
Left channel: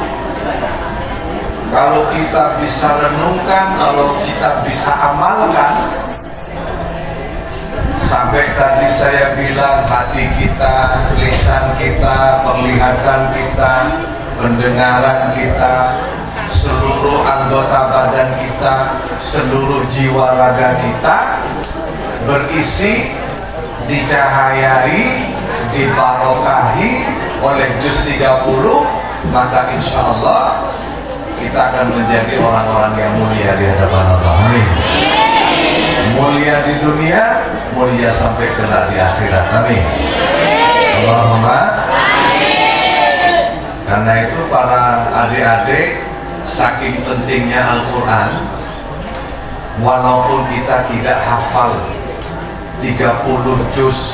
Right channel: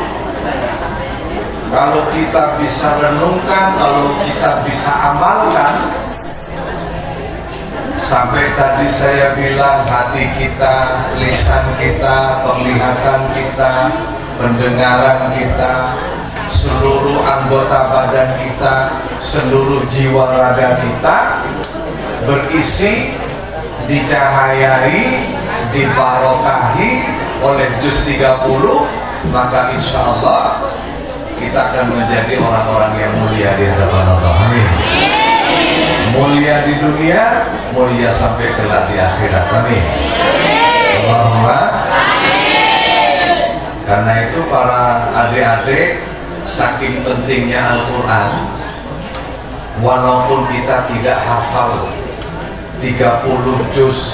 kalau kita bisa renungkan, kalau kita bisa amalkan, sampai tadi saya bilang hati kita, lisan kita, penglihatan kita, pendengaran kita, seluruh anggota badan kita, seluruh jiwa raga kita berisi, dicahayai, dibarokahi oleh juz 30, maka insya Allah kita akan menjadi orang-orang yang mulia di hadapan Allah. Amin. Mulia di dunia, mulia sampai kelak di akhirat. Amin. Allahumma. Karena itu para adik-adik, saking pentingnya Al-Quran, walaupun kita tidak hafal 30 juz,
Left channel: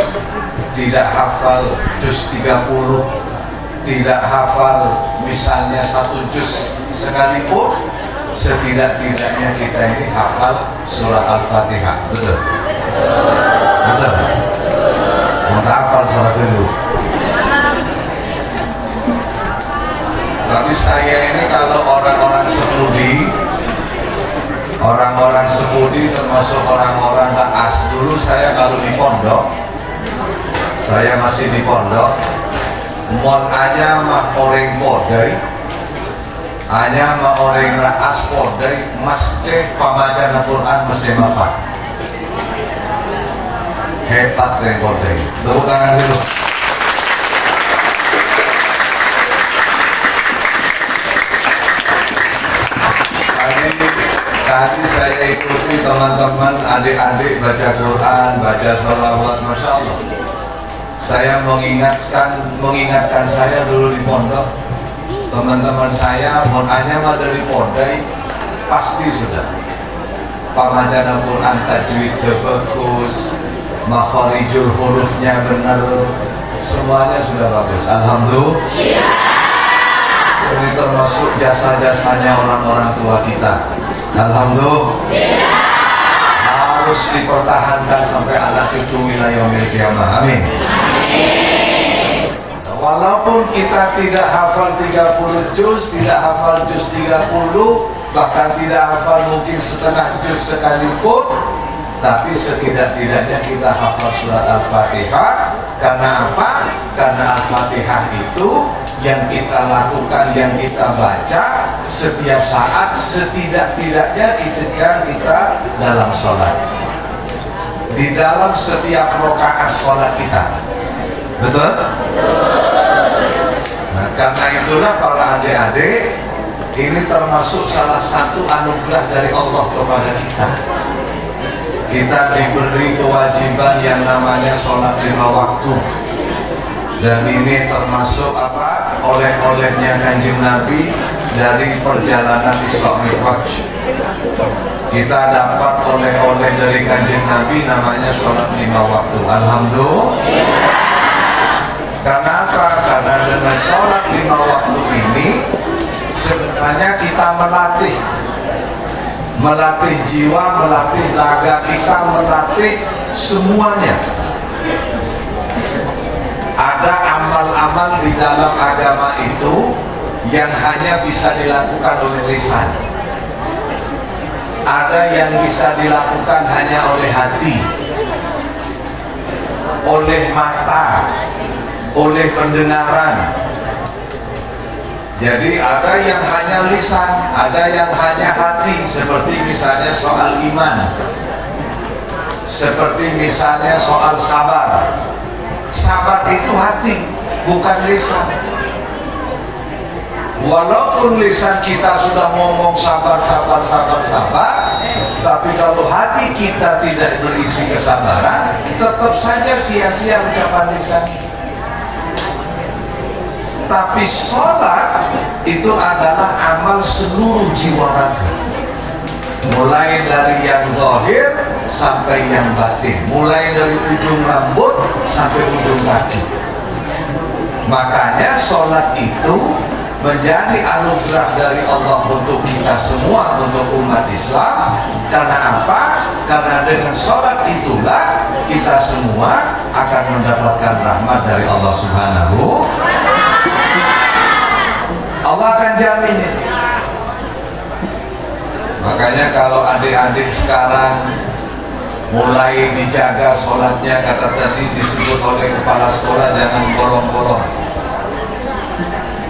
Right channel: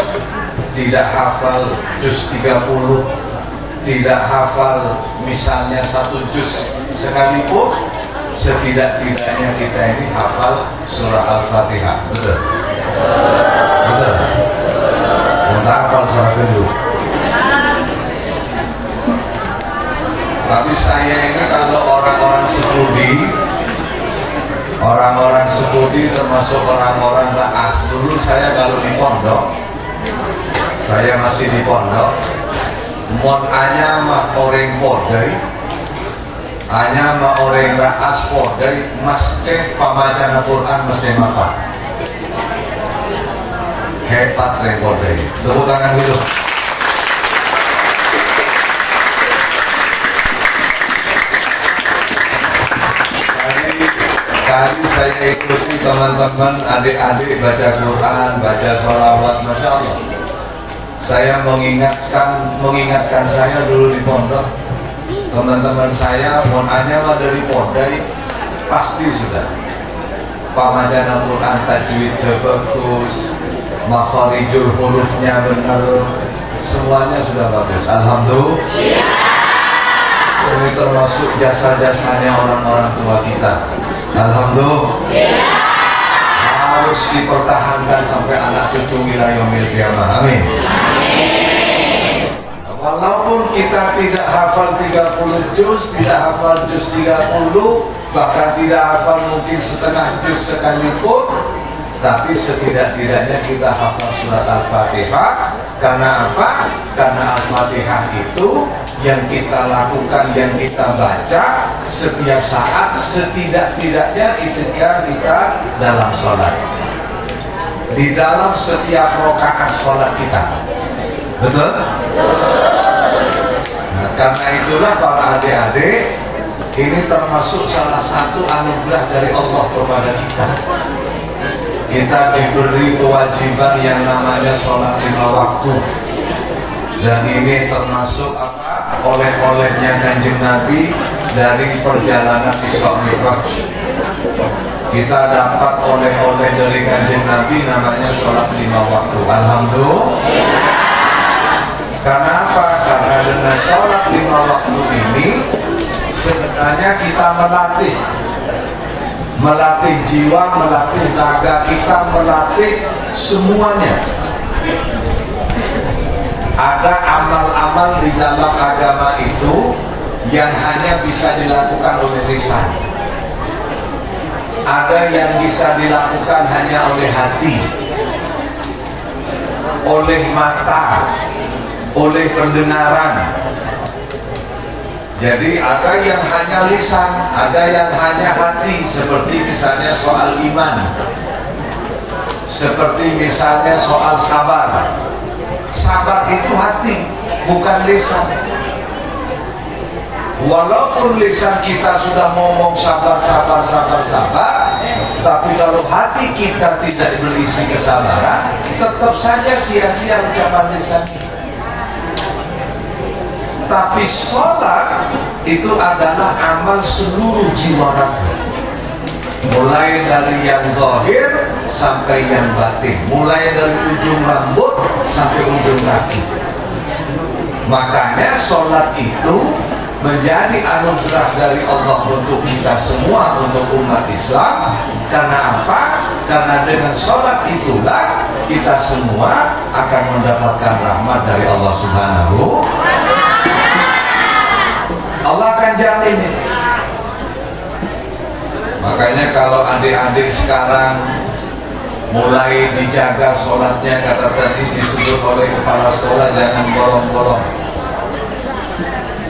tidak hafal juz 30, tidak hafal misalnya 1 juz sekalipun, setidak-tidaknya kita ini hafal surah Al-Fatihah. Betul? Betul? Kita hafal sampai dulu. Tapi saya ini kalau orang-orang sepudi, termasuk orang-orang naas, dulu saya kalau di pondok, saya masih di pondok, mon anya mah orang podai, anya mah orang naas podai, mesti pembacaan Al-Quran mesti mapan. Hebat rekorder. Tepuk tangan dulu. Tadi saya ikuti teman-teman adik-adik baca Quran, baca sholawat, masya Allah. Saya mengingatkan saya dulu di pondok. Teman-teman saya mau nanya mau dari pondok pasti sudah. Pembacaan Quran tajwid bagus, makharijul hurufnya benar, semuanya sudah bagus. Alhamdulillah. Ini termasuk jasa-jasanya orang-orang tua kita. Alhamdulillah. Harus dipertahankan sampai anak cucu wilayah yaumil qiyamah. Amin. Walaupun kita tidak hafal 30 juz, tidak hafal juz 30, bahkan tidak hafal mungkin setengah juz sekalipun, tapi setidak-tidaknya kita hafal surat Al-Fatihah. Karena apa? Karena Al-Fatihah itu yang kita lakukan, yang kita baca setiap saat, setidak-tidaknya ketika kita dalam sholat, di dalam setiap rakaat sholat kita. Betul? Nah, karena itulah para adik-adik, ini termasuk salah satu anugerah dari Allah kepada kita. Kita diberi kewajiban yang namanya sholat 5 waktu, dan ini termasuk apa? Oleh-olehnya Kanjeng Nabi dari perjalanan Isra Mi'raj. Kita dapat oleh-oleh dari Kanjeng Nabi namanya sholat 5 waktu. Alhamdulillah. Karena apa? Karena dengan sholat 5 waktu ini sebenarnya kita melatih jiwa, melatih raga kita, melatih semuanya. Ada amal-amal di dalam agama itu yang hanya bisa dilakukan oleh lisan. Ada yang bisa dilakukan hanya oleh hati, oleh mata, oleh pendengaran. Jadi ada yang hanya lisan, ada yang hanya hati, seperti misalnya soal iman, seperti misalnya soal sabar. Sabar itu hati, bukan lisan. Walaupun lisan kita sudah ngomong sabar, tapi kalau hati kita tidak berisi kesabaran, tetap saja sia-sia ucapan lisan. Tapi sholat itu adalah amal seluruh jiwa raga, mulai dari yang zahir sampai yang batin, mulai dari ujung rambut sampai ujung kaki. Makanya sholat itu menjadi anugerah dari Allah untuk kita semua, untuk umat Islam. Karena apa? Karena dengan sholat itulah kita semua akan mendapatkan rahmat dari Allah Subhanahu. Allah akan jamin itu. Makanya kalau adik-adik sekarang mulai dijaga sholatnya, kata tadi disebut oleh kepala sekolah, jangan bolong-bolong.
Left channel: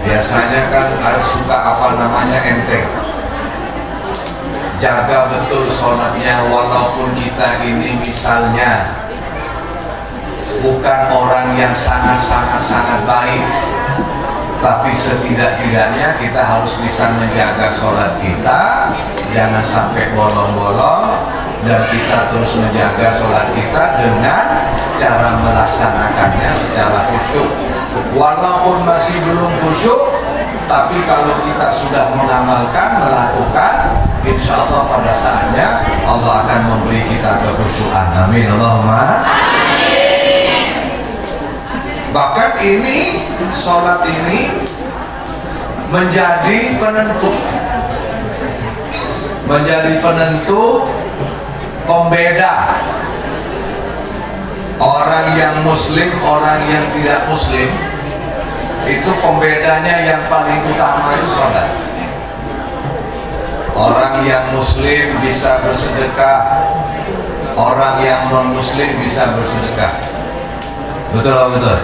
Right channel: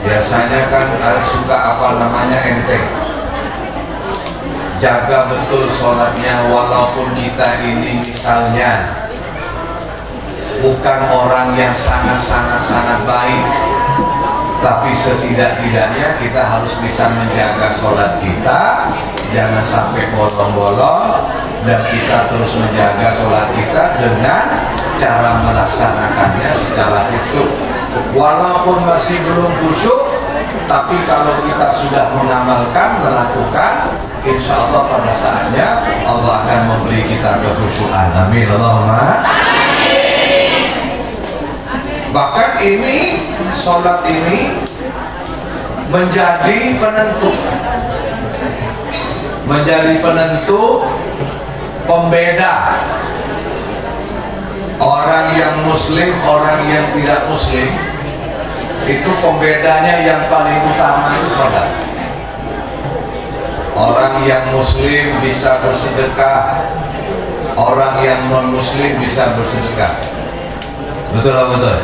Biasanya kan suka apa namanya enteng. Jaga betul sholatnya, walaupun kita ini misalnya bukan orang yang sangat baik, tapi setidak-tidaknya kita harus bisa menjaga sholat kita, jangan sampai bolong-bolong, dan kita terus menjaga sholat kita dengan cara melaksanakannya secara khusyuk. Walaupun masih belum khusyuk, tapi kalau kita sudah mengamalkan, melakukan, insya Allah pada saatnya Allah akan memberi kita kekhusyukan. Amin. Allahumma. Bahkan ini sholat ini menjadi penentu pembeda orang yang muslim, orang yang tidak muslim. Itu pembedanya yang paling utama itu sholat. Orang yang muslim bisa bersedekah, orang yang non muslim bisa bersedekah. Betul atau betul?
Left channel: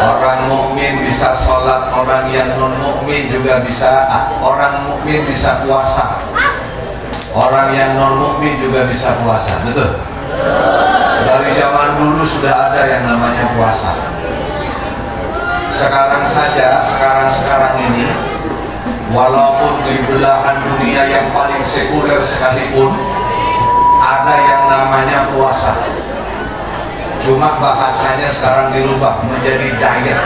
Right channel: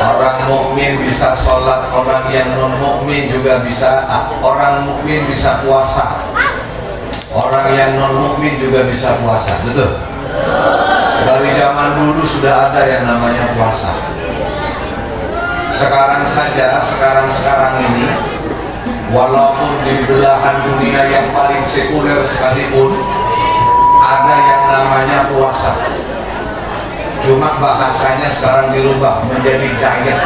Orang mukmin bisa sholat, orang yang non mukmin juga bisa. Orang mukmin bisa puasa, orang yang non mukmin juga bisa puasa. Betul? Dari zaman dulu sudah ada yang namanya puasa. Sekarang saja, sekarang ini, walaupun di belahan dunia yang paling sekuler sekalipun, ada yang namanya puasa. Cuma bahasanya sekarang dirubah menjadi diet.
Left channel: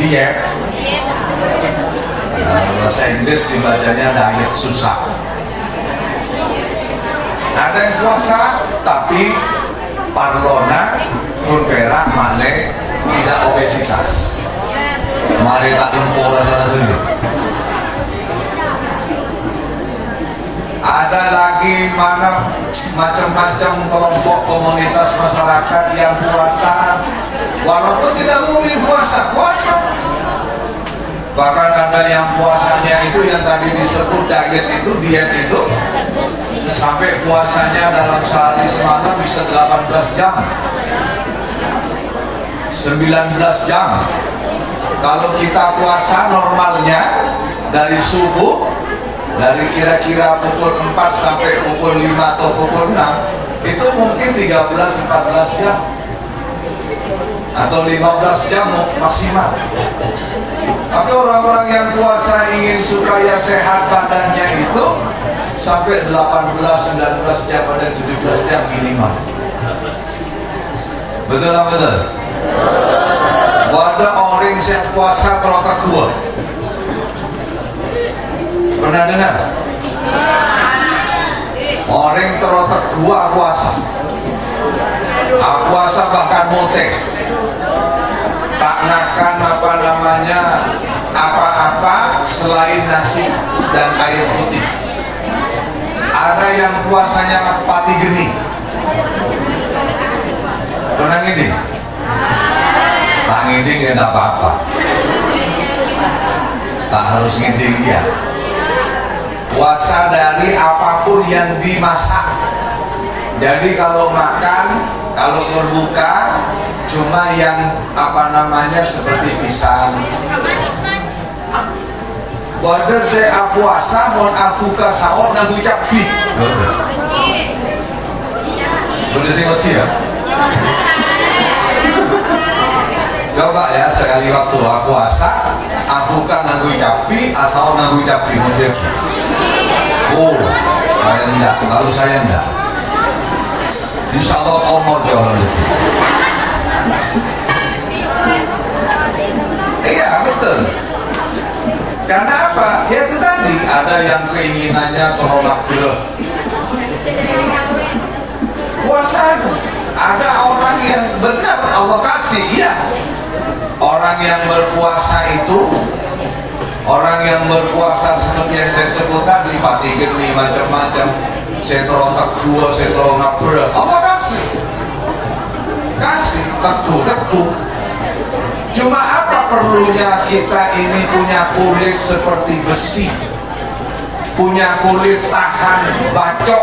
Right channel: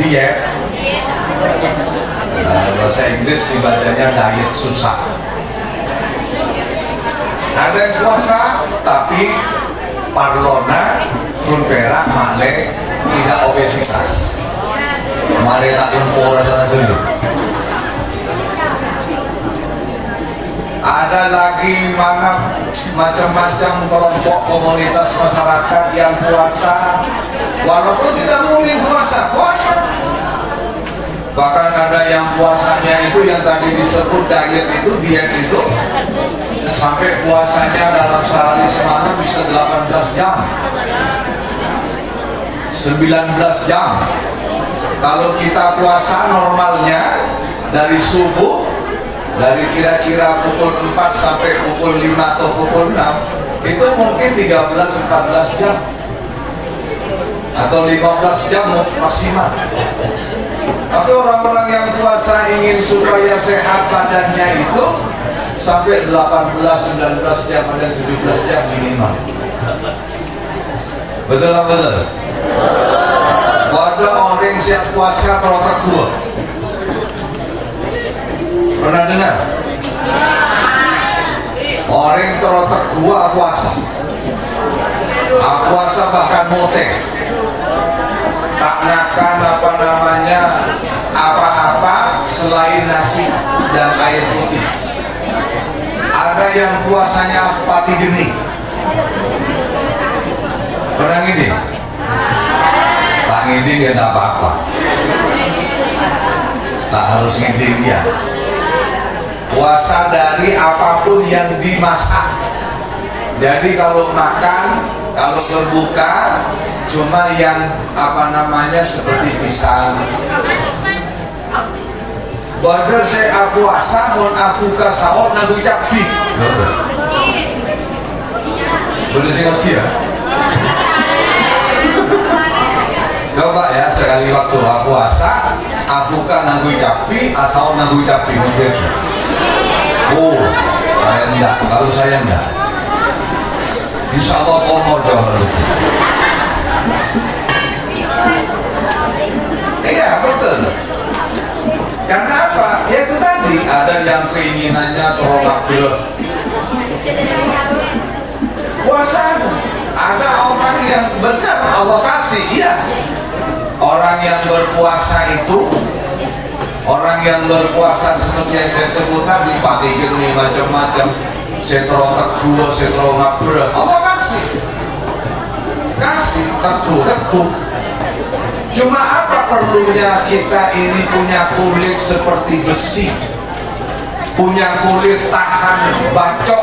Diet. Bahasa Inggris dibacanya diet susah. Ada yang puasa tapi parlona pun perak male tidak obesitas. Male tak impor sana dulu. Ada lagi macam-macam kelompok komunitas masyarakat yang puasa walaupun tidak boleh puasa. Bahkan ada yang puasanya itu yang tadi disebut diet itu sampai puasanya dalam sehari semalam bisa 18 jam 19 jam. Kalau kita puasa normalnya dari subuh, dari kira-kira pukul 4 sampai pukul 5 atau pukul 6, itu mungkin 13-14 jam atau 15 jam maksimal. Tapi orang-orang yang puasa ingin supaya sehat badannya itu sampai 18-19 jam, ada 17 jam minimal. Betul apa betul? Ada orang siap puasa terlalu kuat. Pernah dengar? Orang terlalu kuat puasa. Puasa bahkan mote. Tak makan apa-apa selain nasi dan air putih. Ada yang puasanya pati geni. Pernah gini? Tak ngidi gak ada apa-apa. Tak harus ngidi dia. Puasa dari apapun yang dimasak. Jadi kalau makan, kalau berbuka, cuma yang seperti pisang. Bahwa saya puasa, mohon aku ke sahur, nak ucap pi. Boleh saya ngerti ya? Coba ya, sekali waktu puasa, aku kan nak ucap pi, asal nak ucap pi, ngerti lagi. Oh, saya enggak. Kalau saya enggak, insya Allah kau mau jual lagi. Iya betul. Karena apa? Ya itu tadi ada yang keinginannya terlalu berat. Puasa ada orang yang benar Allah kasih, iya. Orang yang berpuasa itu, orang yang berpuasa seperti yang saya sebut tadi, pati geni macam-macam, setro teguh, setro berat. Allah kasih teguh. Cuma apa perlunya kita ini punya kulit seperti besi, punya kulit tahan bacok,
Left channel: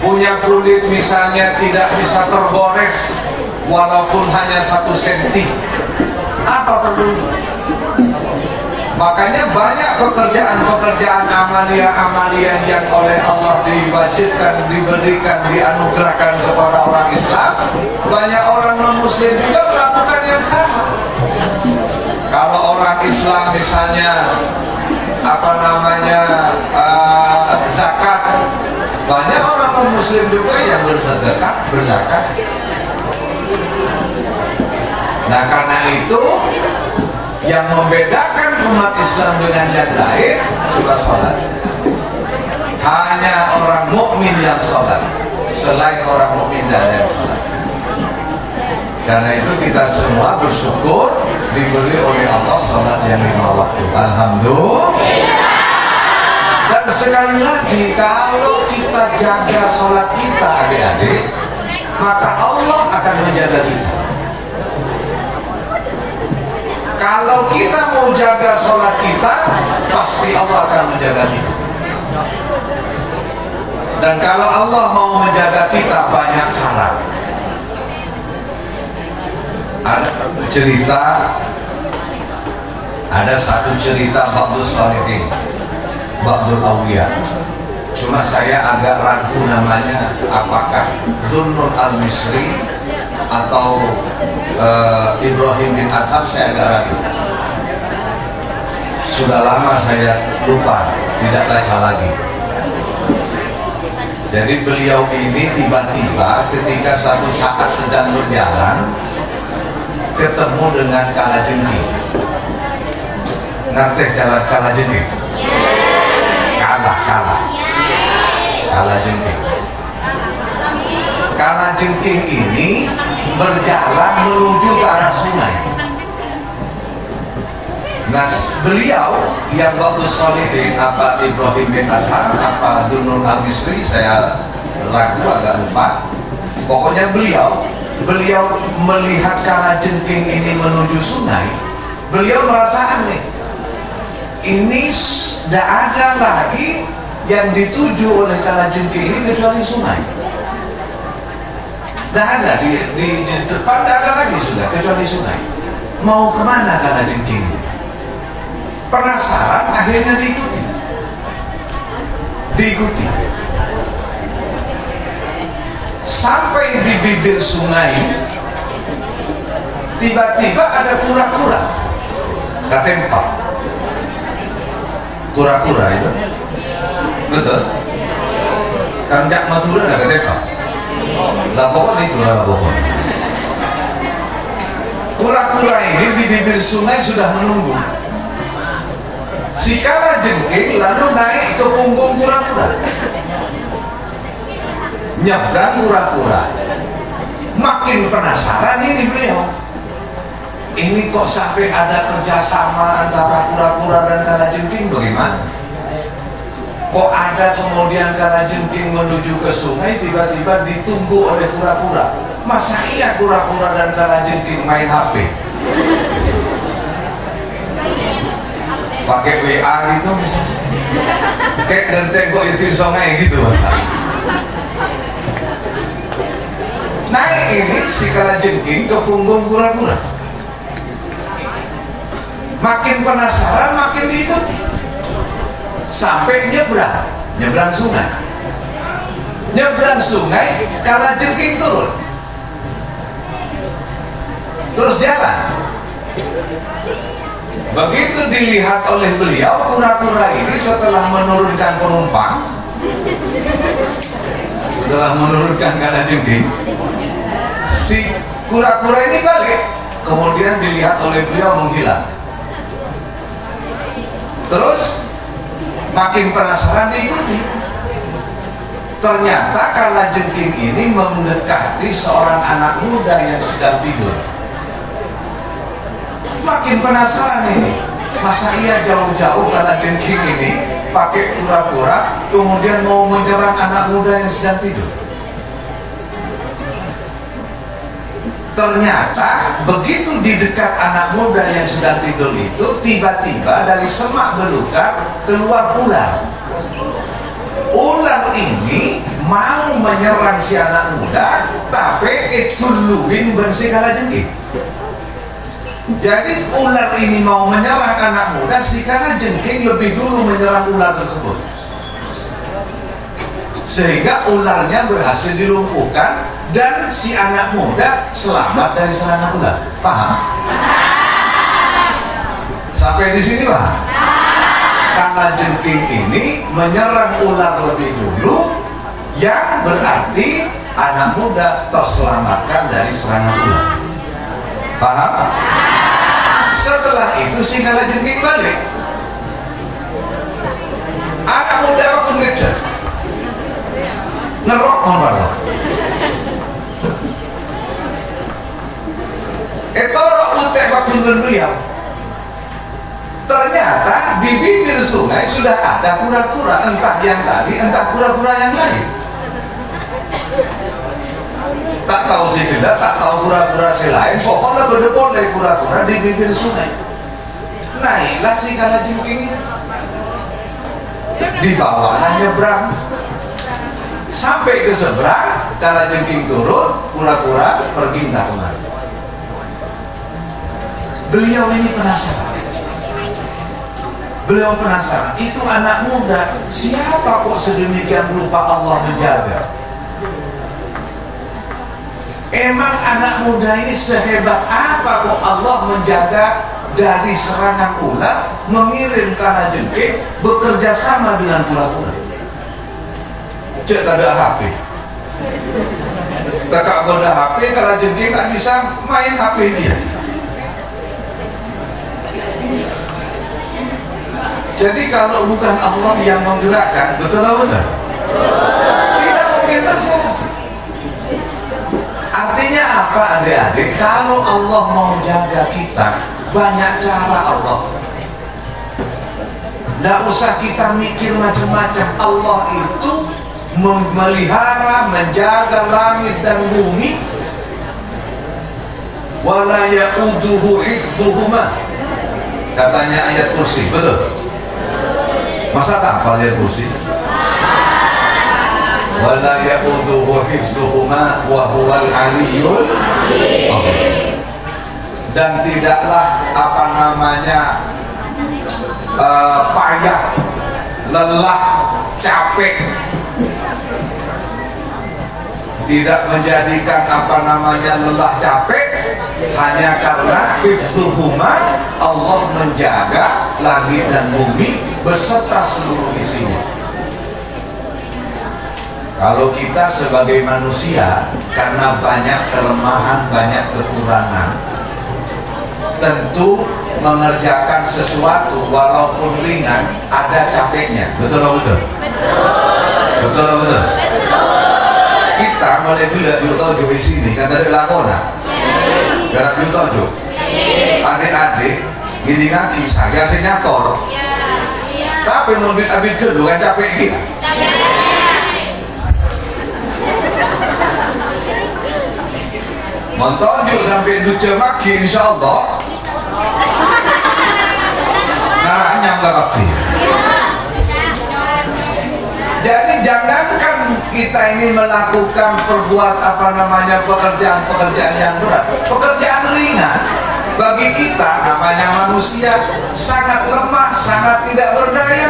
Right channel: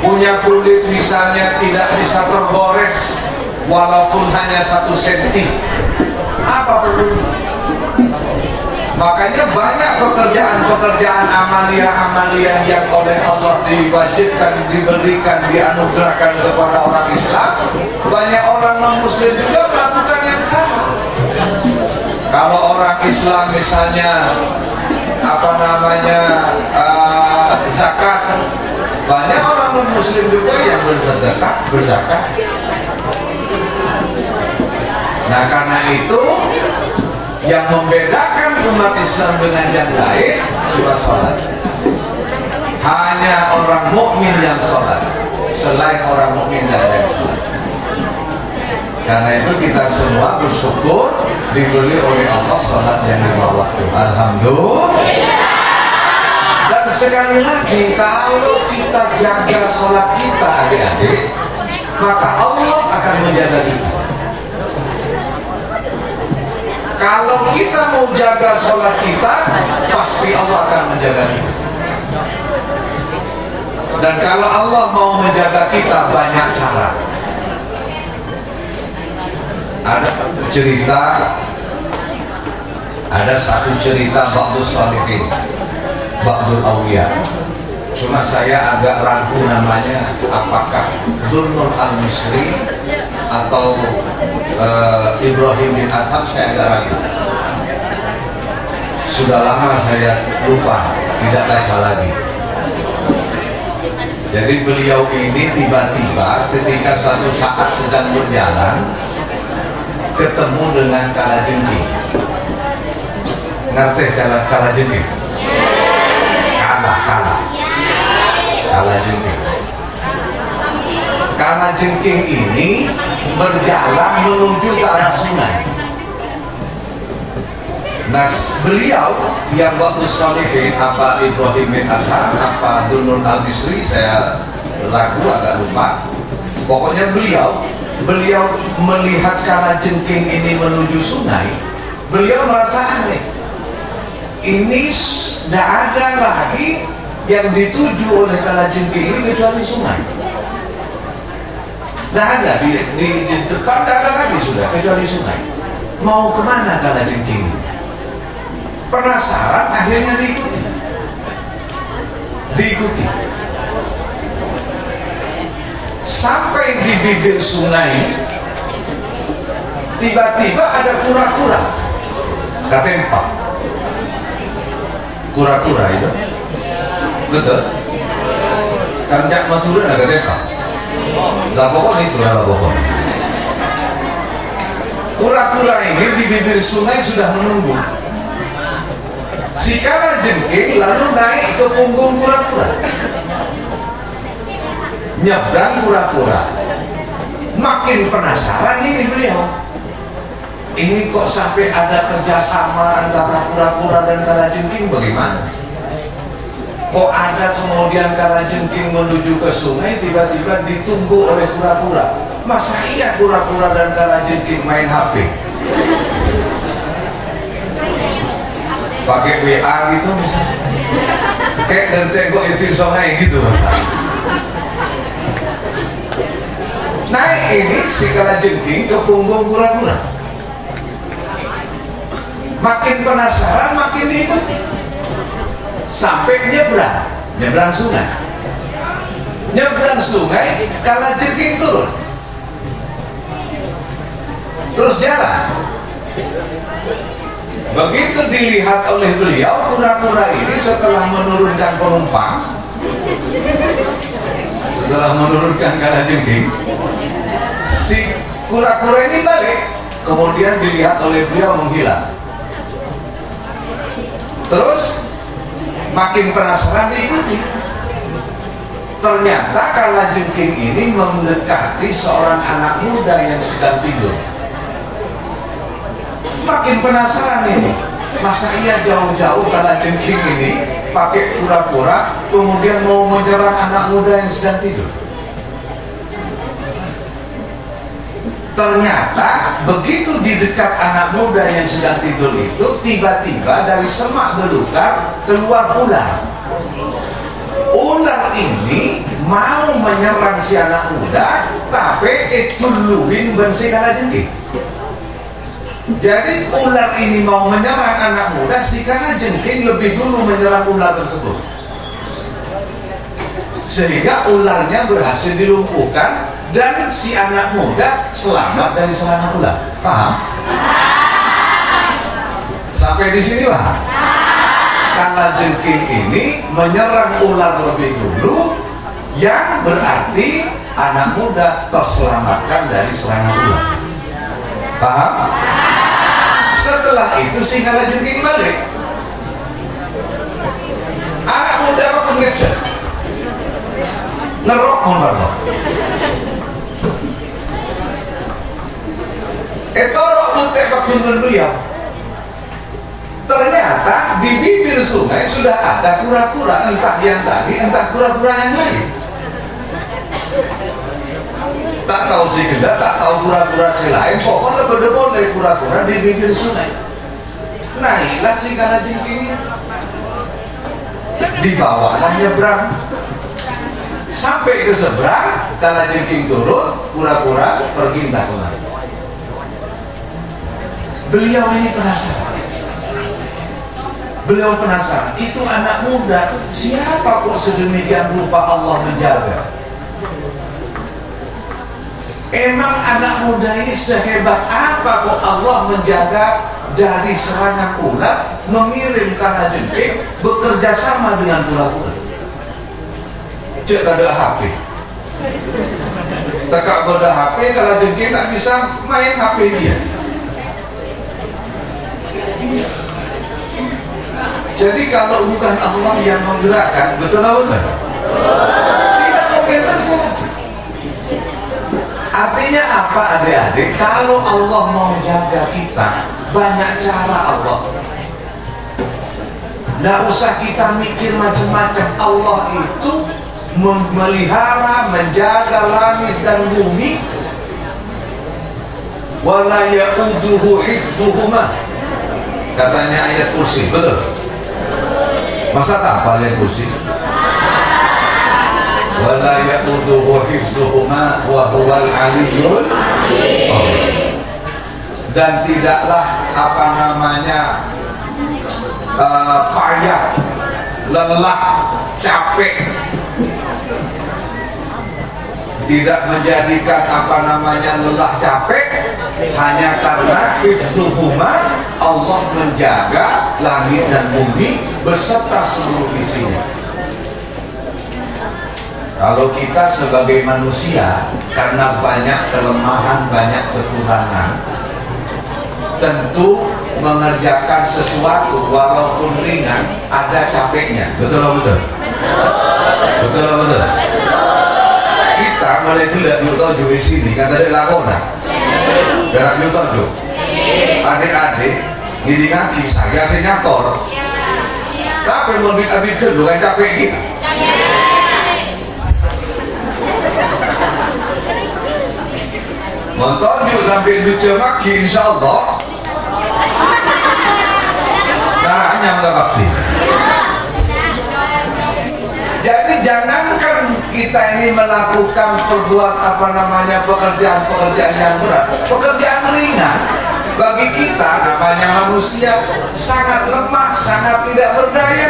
punya kulit misalnya tidak bisa tergores walaupun hanya 1 senti. Apa perlunya? Makanya banyak pekerjaan amalia yang oleh Allah diwajibkan, diberikan, dianugerahkan kepada orang Islam. Banyak orang non-muslim juga melakukan yang sama. Kalau orang Islam misalnya zakat, banyak orang non-muslim juga yang berzakat. Nah karena itu yang membedakan umat Islam dengan yang lain cuma sholat. Hanya orang mukmin yang sholat, selain orang mukmin tidak ada yang sholat. Karena itu kita semua bersyukur diberi oleh Allah sholat yang 5 waktu. Alhamdulillah. Dan sekali lagi, kalau kita jaga sholat kita adik-adik, maka Allah akan menjaga kita. Kalau kita mau jaga sholat kita, pasti Allah akan menjaga kita. Dan kalau Allah mau menjaga kita, banyak cara. Ada satu cerita Ba'dus Shalihin. Ba'dul Awliya. Cuma saya agak ragu namanya, apakah Zunnun al-Misri atau Ibrahim bin Adham, saya agak ragu. Sudah lama saya lupa, tidak baca lagi. Jadi beliau ini tiba-tiba ketika suatu saat sedang berjalan ketemu dengan kalajengking. Ngerti jalan kalajengking? Kalajengking. Kalajengking ini berjalan menuju ke arah sungai. Nah, beliau yang waktu Solihin, apa Ibrahim bin Adham, apa Zunnun al-Misri, saya ragu, agak lupa. Pokoknya beliau melihat kalajengking ini menuju sungai, beliau merasa aneh. Ini tidak ada lagi yang dituju oleh kalajengking ini kecuali sungai. Tidak ada di depan, tidak ada lagi sudah kecuali sungai. Mau kemana kalajengking ini? Penasaran, akhirnya diikuti sampai di bibir sungai. Tiba-tiba ada kura-kura ketempat. Kura-kura itu betul kanjak Madura ada ketempat. Lah pokoknya itu lah pokoknya. Kura-kura ini di bibir sungai sudah menunggu. Si kalajengking lalu naik ke punggung kura-kura, nyebrang kura-kura. Makin penasaran ini beliau, ini kok sampai ada kerjasama antara kura-kura dan kalajengking, bagaimana? Kok ada kemudian kalajengking menuju ke sungai tiba-tiba ditunggu oleh kura-kura? Masa iya kura-kura dan kalajengking main HP? Pakai WA gitu misalnya, kayak dentek kok itu sungai gitu. Naik ini si kalajengking ke punggung kura-kura. Makin penasaran, makin diikuti sampai nyebrang sungai. Nyebrang sungai, kalajengking turun, terus jalan. Begitu dilihat oleh beliau, kura-kura ini setelah menurunkan penumpang, setelah menurunkan kalajengking, si kura-kura ini balik, kemudian dilihat oleh beliau menghilang. Terus makin penasaran diikuti. Ternyata kalajengking ini mendekati seorang anak muda yang sedang tidur. Makin penasaran ini, masa iya jauh-jauh kalajengking ini pakai kura-kura kemudian mau menyerang anak muda yang sedang tidur. Ternyata begitu di dekat anak muda yang sedang tidur itu, tiba-tiba dari semak belukar keluar ular. Ular ini mau menyerang si anak muda, tapi itu luwin bensi kalajengking. Jadi ular ini mau menyerang anak muda, si kalajengking lebih dulu menyerang ular tersebut, sehingga ularnya berhasil dilumpuhkan dan si anak muda selamat dari serangan ular. Paham? Sampai di sini paham? Kalajengking ini menyerang ular lebih dulu, yang berarti anak muda terselamatkan dari serangan ular. Paham? Setelah itu si kalajengking balik, anak muda pun ngejar, ngerok memperlah. Etorok putih bakungan beliau. Ternyata di bibir sungai sudah ada kura-kura, entah yang tadi, entah kura-kura yang lain. Tak tahu si geda, tak tahu kura-kura si lain, pokoknya boleh kura-kura di bibir sungai. Naiklah si kalajengking di bawah nyebrang. Sampai ke seberang, kalajengking turun, kura-kura pergi entah kemana. Beliau ini penasaran. Beliau penasaran, itu anak muda, siapa kok sedemikian rupa Allah menjaga? Emang anak muda ini sehebat apa kok Allah menjaga dari serangan ular, mengirim kalajengking, bekerja sama dengan ular-ular? Cek ada HP, tekak berda HP, kalajengking tak bisa main HP dia. Jadi kalau bukan Allah yang menggerakkan, betul atau betul? Tidak mungkin terjadi. Artinya apa adik-adik? Kalau Allah mau jaga kita, banyak cara Allah. Nggak usah kita mikir macam-macam. Allah itu memelihara, menjaga langit dan bumi. Wala ya'uduhu hifdhuhuma. Katanya ayat kursi, betul? Masa tak hafal ayat kursi? Wala ya'uduhu hifdhuhuma wa huwal aliyyul azim. Dan tidaklah apa namanya payah, lelah, capek, tidak menjadikan apa namanya lelah capek hanya karena hifdhuhuma, Allah menjaga langit dan bumi beserta seluruh isinya. Kalau kita sebagai manusia karena banyak kelemahan, banyak kekurangan, tentu mengerjakan sesuatu walaupun ringan ada capeknya. Betul atau betul? Betul atau betul? Kita mulai tidak yuto di sini kan ada lakonan. Garap yuto jo. Adik-adik ini ngaji saya senyator. Tapi lebih kedua kan capek kita. Nonton yuk sampai lucu maki insyaallah. Naranya nggak sih. Jadi jangankan kita ini melakukan perbuatan apa namanya pekerjaan yang berat, pekerjaan ringan bagi kita namanya manusia sangat lemah, sangat tidak berdaya.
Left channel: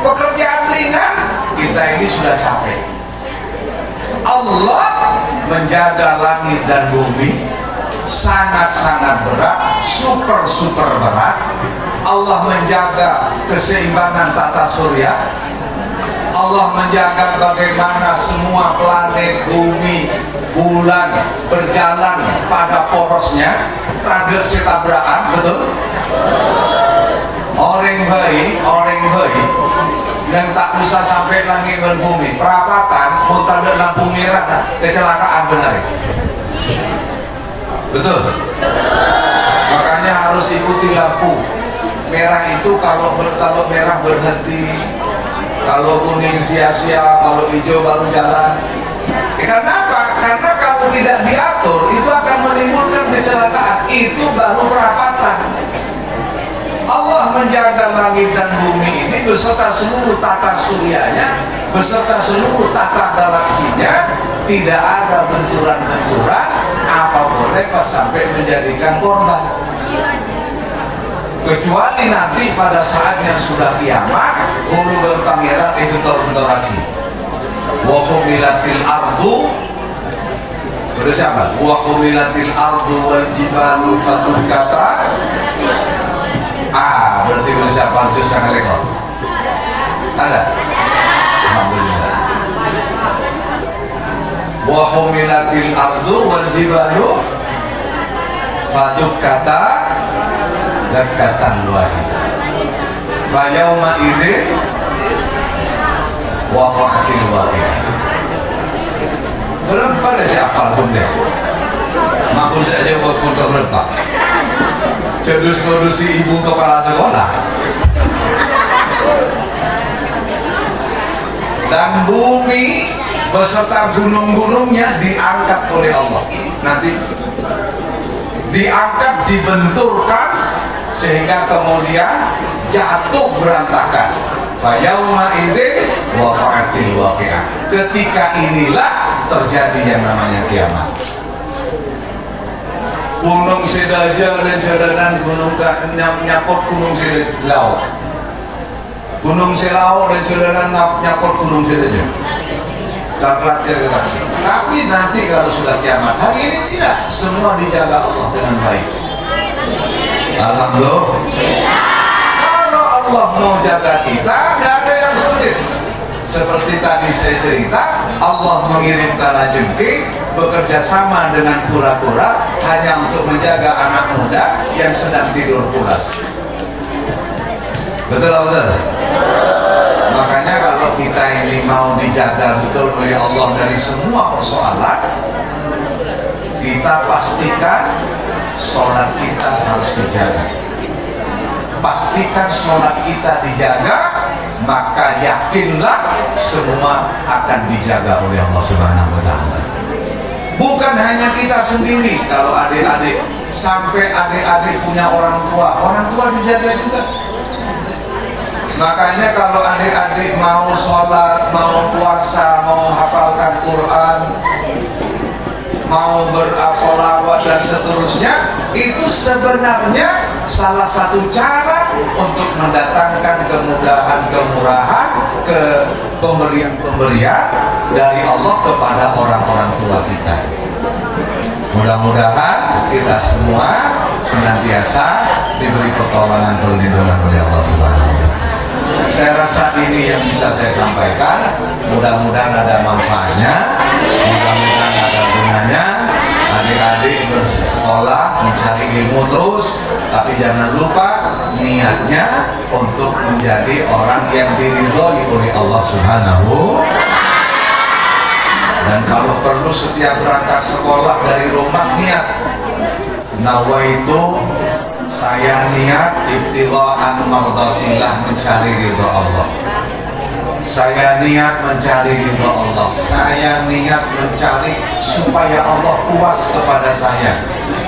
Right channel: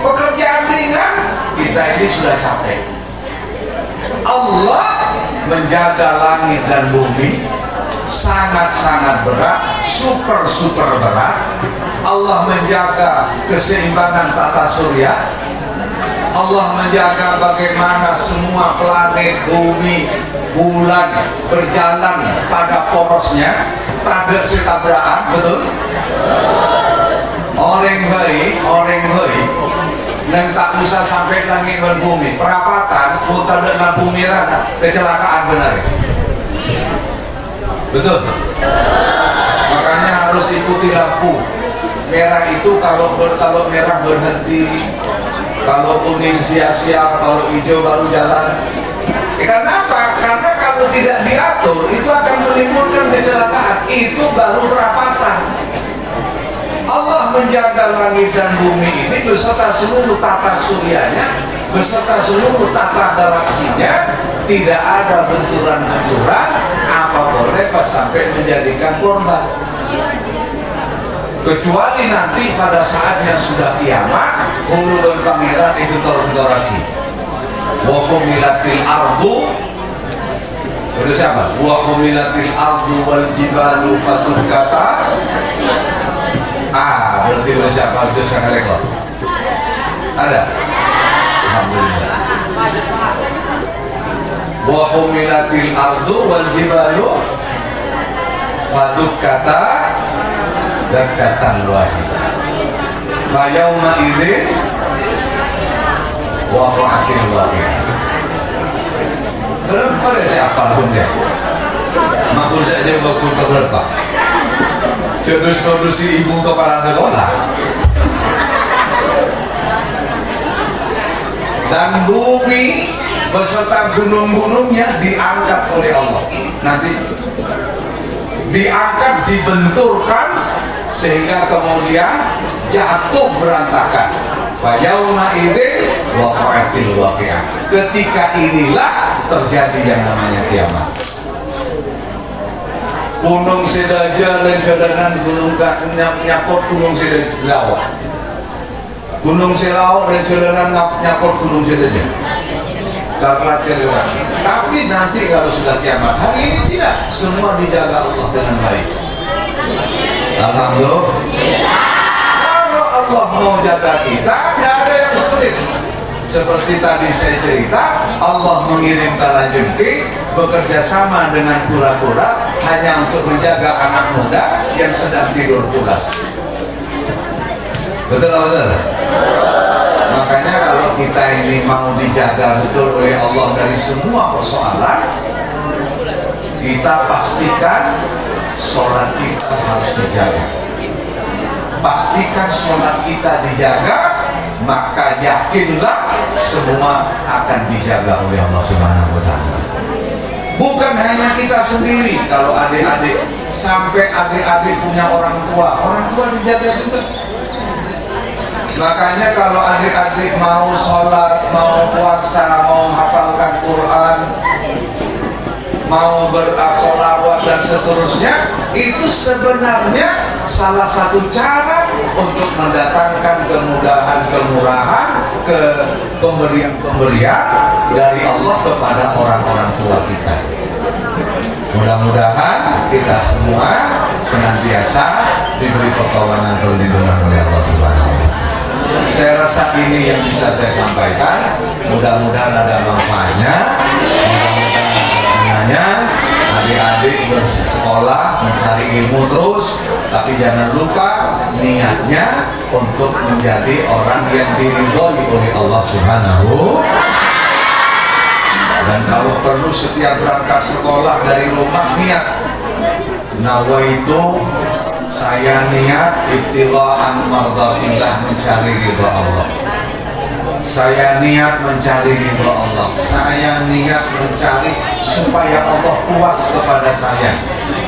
Pekerjaan ringan kita ini sudah capek. Allah menjaga langit dan bumi sangat-sangat berat, super berat. Allah menjaga keseimbangan tata surya. Allah menjaga bagaimana semua planet, bumi, bulan berjalan pada porosnya, tak ada setabraan, betul? Orang baik, dan tak usah sampai langit dan bumi, perapatan, mutar dan lampu merah, kecelakaan benar. Betul? Makanya harus ikuti lampu merah itu. Kalau merah berhenti, kalau kuning siap-siap, kalau hijau baru jalan. Karena apa? Karena kalau tidak diatur itu akan menimbulkan kecelakaan. Itu baru perapatan. Allah menjaga langit dan bumi ini beserta seluruh tata suryanya, beserta seluruh tata galaksinya. Tidak ada benturan-benturan apa boleh pas sampai menjadikan korban. Kecuali nanti pada saatnya sudah kiamat, hulu dan pangeran itu terbentur lagi. Wa humilatil ardu, berarti siapa? Wa humilatil ardu wal jibalu fatukata. Berarti berarti siapa? Jus yang lekor. Ada? Alhamdulillah. Wa humilatil ardu wal jibalu fatukata dan katan wahid. Fa yauma idzin waqa'atil waqi'ah. Berapa ada siapa pun deh. Makul saja waktu keberapa. Kodus ibu kepala sekolah. Dan bumi beserta gunung-gunungnya diangkat oleh Allah. Nanti diangkat, dibenturkan sehingga kemudian jatuh berantakan. Fa yauma idzin waqa'atil waqi'ah. Ketika inilah terjadi yang namanya kiamat. Gunung Sedaja jalanan gunung nyapot gunung Sedaja. Gunung Selawak dan jalanan nyapot gunung Sedaja. Tapi nanti kalau sudah kiamat, hari ini tidak, semua dijaga Allah dengan baik. Alhamdulillah. Kalau Allah mau jaga kita, tidak ada yang sulit. Seperti tadi saya cerita, Allah mengirimkan jengking bekerja sama dengan kura-kura hanya untuk menjaga anak muda yang sedang tidur pulas. Betul. Makanya kalau kita ini mau dijaga betul oleh Allah dari semua persoalan, kita pastikan sholat kita harus dijaga. Pastikan sholat kita dijaga, maka yakinlah semua akan dijaga oleh Allah Subhanahu wa Ta'ala. Bukan hanya kita sendiri, kalau adik-adik sampai adik-adik punya orang tua dijaga juga. Makanya kalau adik-adik mau sholat, mau puasa, mau hafalkan Quran, mau bersolawat dan seterusnya, itu sebenarnya salah satu cara untuk mendatangkan kemudahan-kemurahan, ke pemberian-pemberian dari Allah kepada orang-orang tua kita. Mudah-mudahan kita semua senantiasa diberi pertolongan perlindungan oleh Allah Subhanahu wa Ta'ala. Saya rasa ini yang bisa saya sampaikan. Mudah-mudahan ada manfaatnya, mudah-mudahan ada gunanya. Adik-adik bersekolah, mencari ilmu terus, tapi jangan lupa niatnya untuk menjadi orang yang diridhoi oleh Allah Subhanahu. Dan kalau perlu setiap berangkat sekolah dari rumah niat, nawaitu, saya niat ibtilaan mardatillah, mencari ridha Allah. Saya niat mencari ridha Allah. Saya niat mencari supaya Allah puas kepada saya.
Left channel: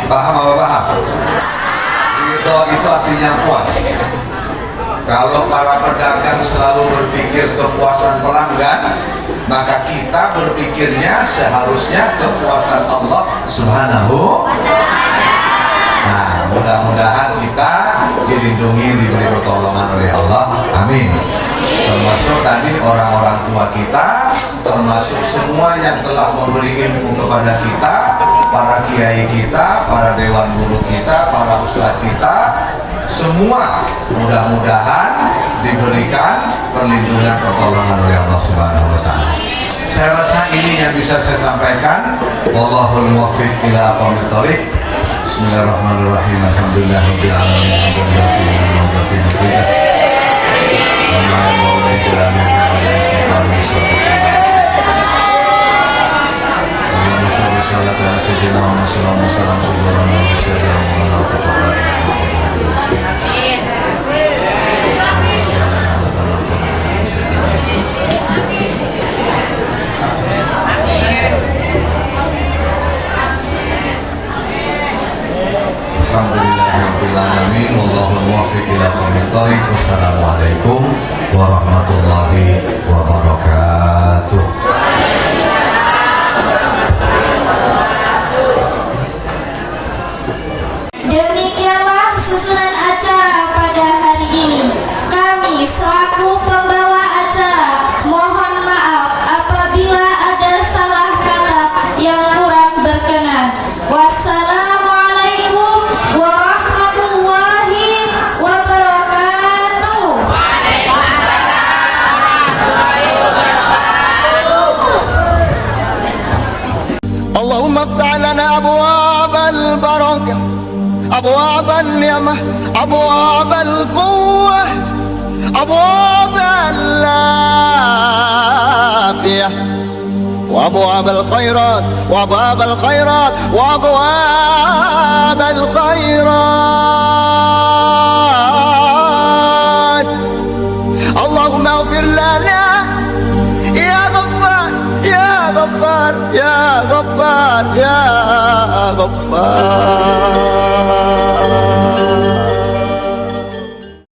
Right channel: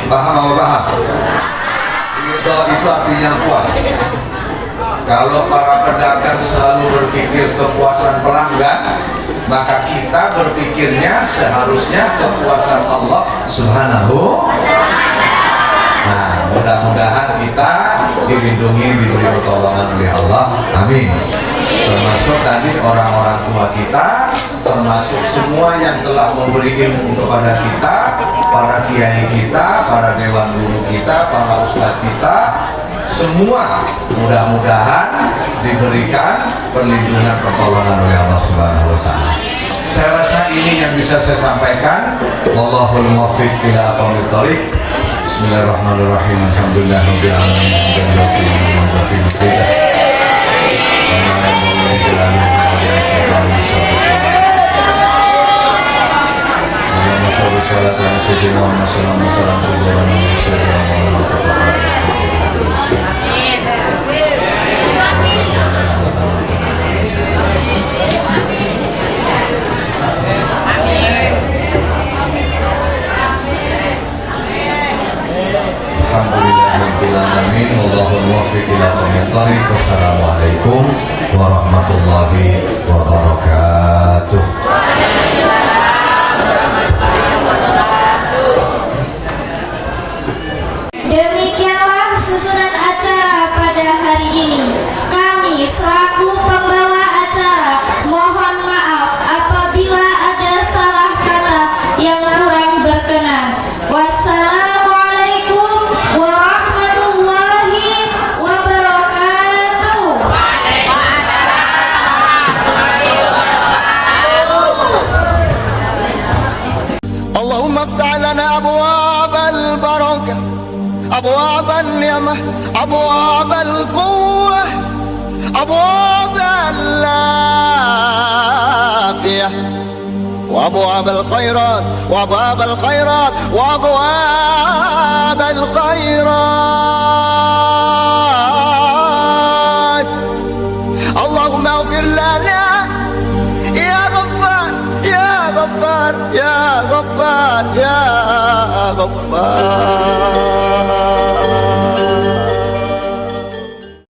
Paham apa paham? Ridha itu artinya puas. Kalau para pedagang selalu berpikir kepuasan pelanggan, maka kita berpikirnya seharusnya kepuasan Allah Subhanahu. Nah, mudah-mudahan kita dilindungi, diberi pertolongan oleh Allah. Amin. Termasuk tadi orang-orang tua kita, termasuk semua yang telah memberi ilmu kepada kita, para kiai kita, para dewan guru kita, para ustadz kita, semua mudah-mudahan diberikan perlindungan pertolongan oleh Allah Subhanahu wa Ta'ala. Saya rasa ini yang bisa saya sampaikan. Wallahul muwaffiq ila aqwamit thoriq. Bismillahirrahmanirrahim. Alhamdulillahirabbil alamin. Wassalamualaikum warahmatullahi wabarakatuh. Demikianlah susunan acara pada hari ini. Kami selaku pembawa acara mohon maaf apabila ada salah kata yang kurang berkenan. Wassalamualaikum warahmatullahi wabarakatuh. اللهم افتح لنا أبواب البركة، أبواب النعمة، أبواب القوة، أبواب العافية، وأبواب الخيرات، وأبواب الخيرات، وأبواب الخيرات. اللهم اغفر لنا يا غفار يا غفار يا غفار يا غفار.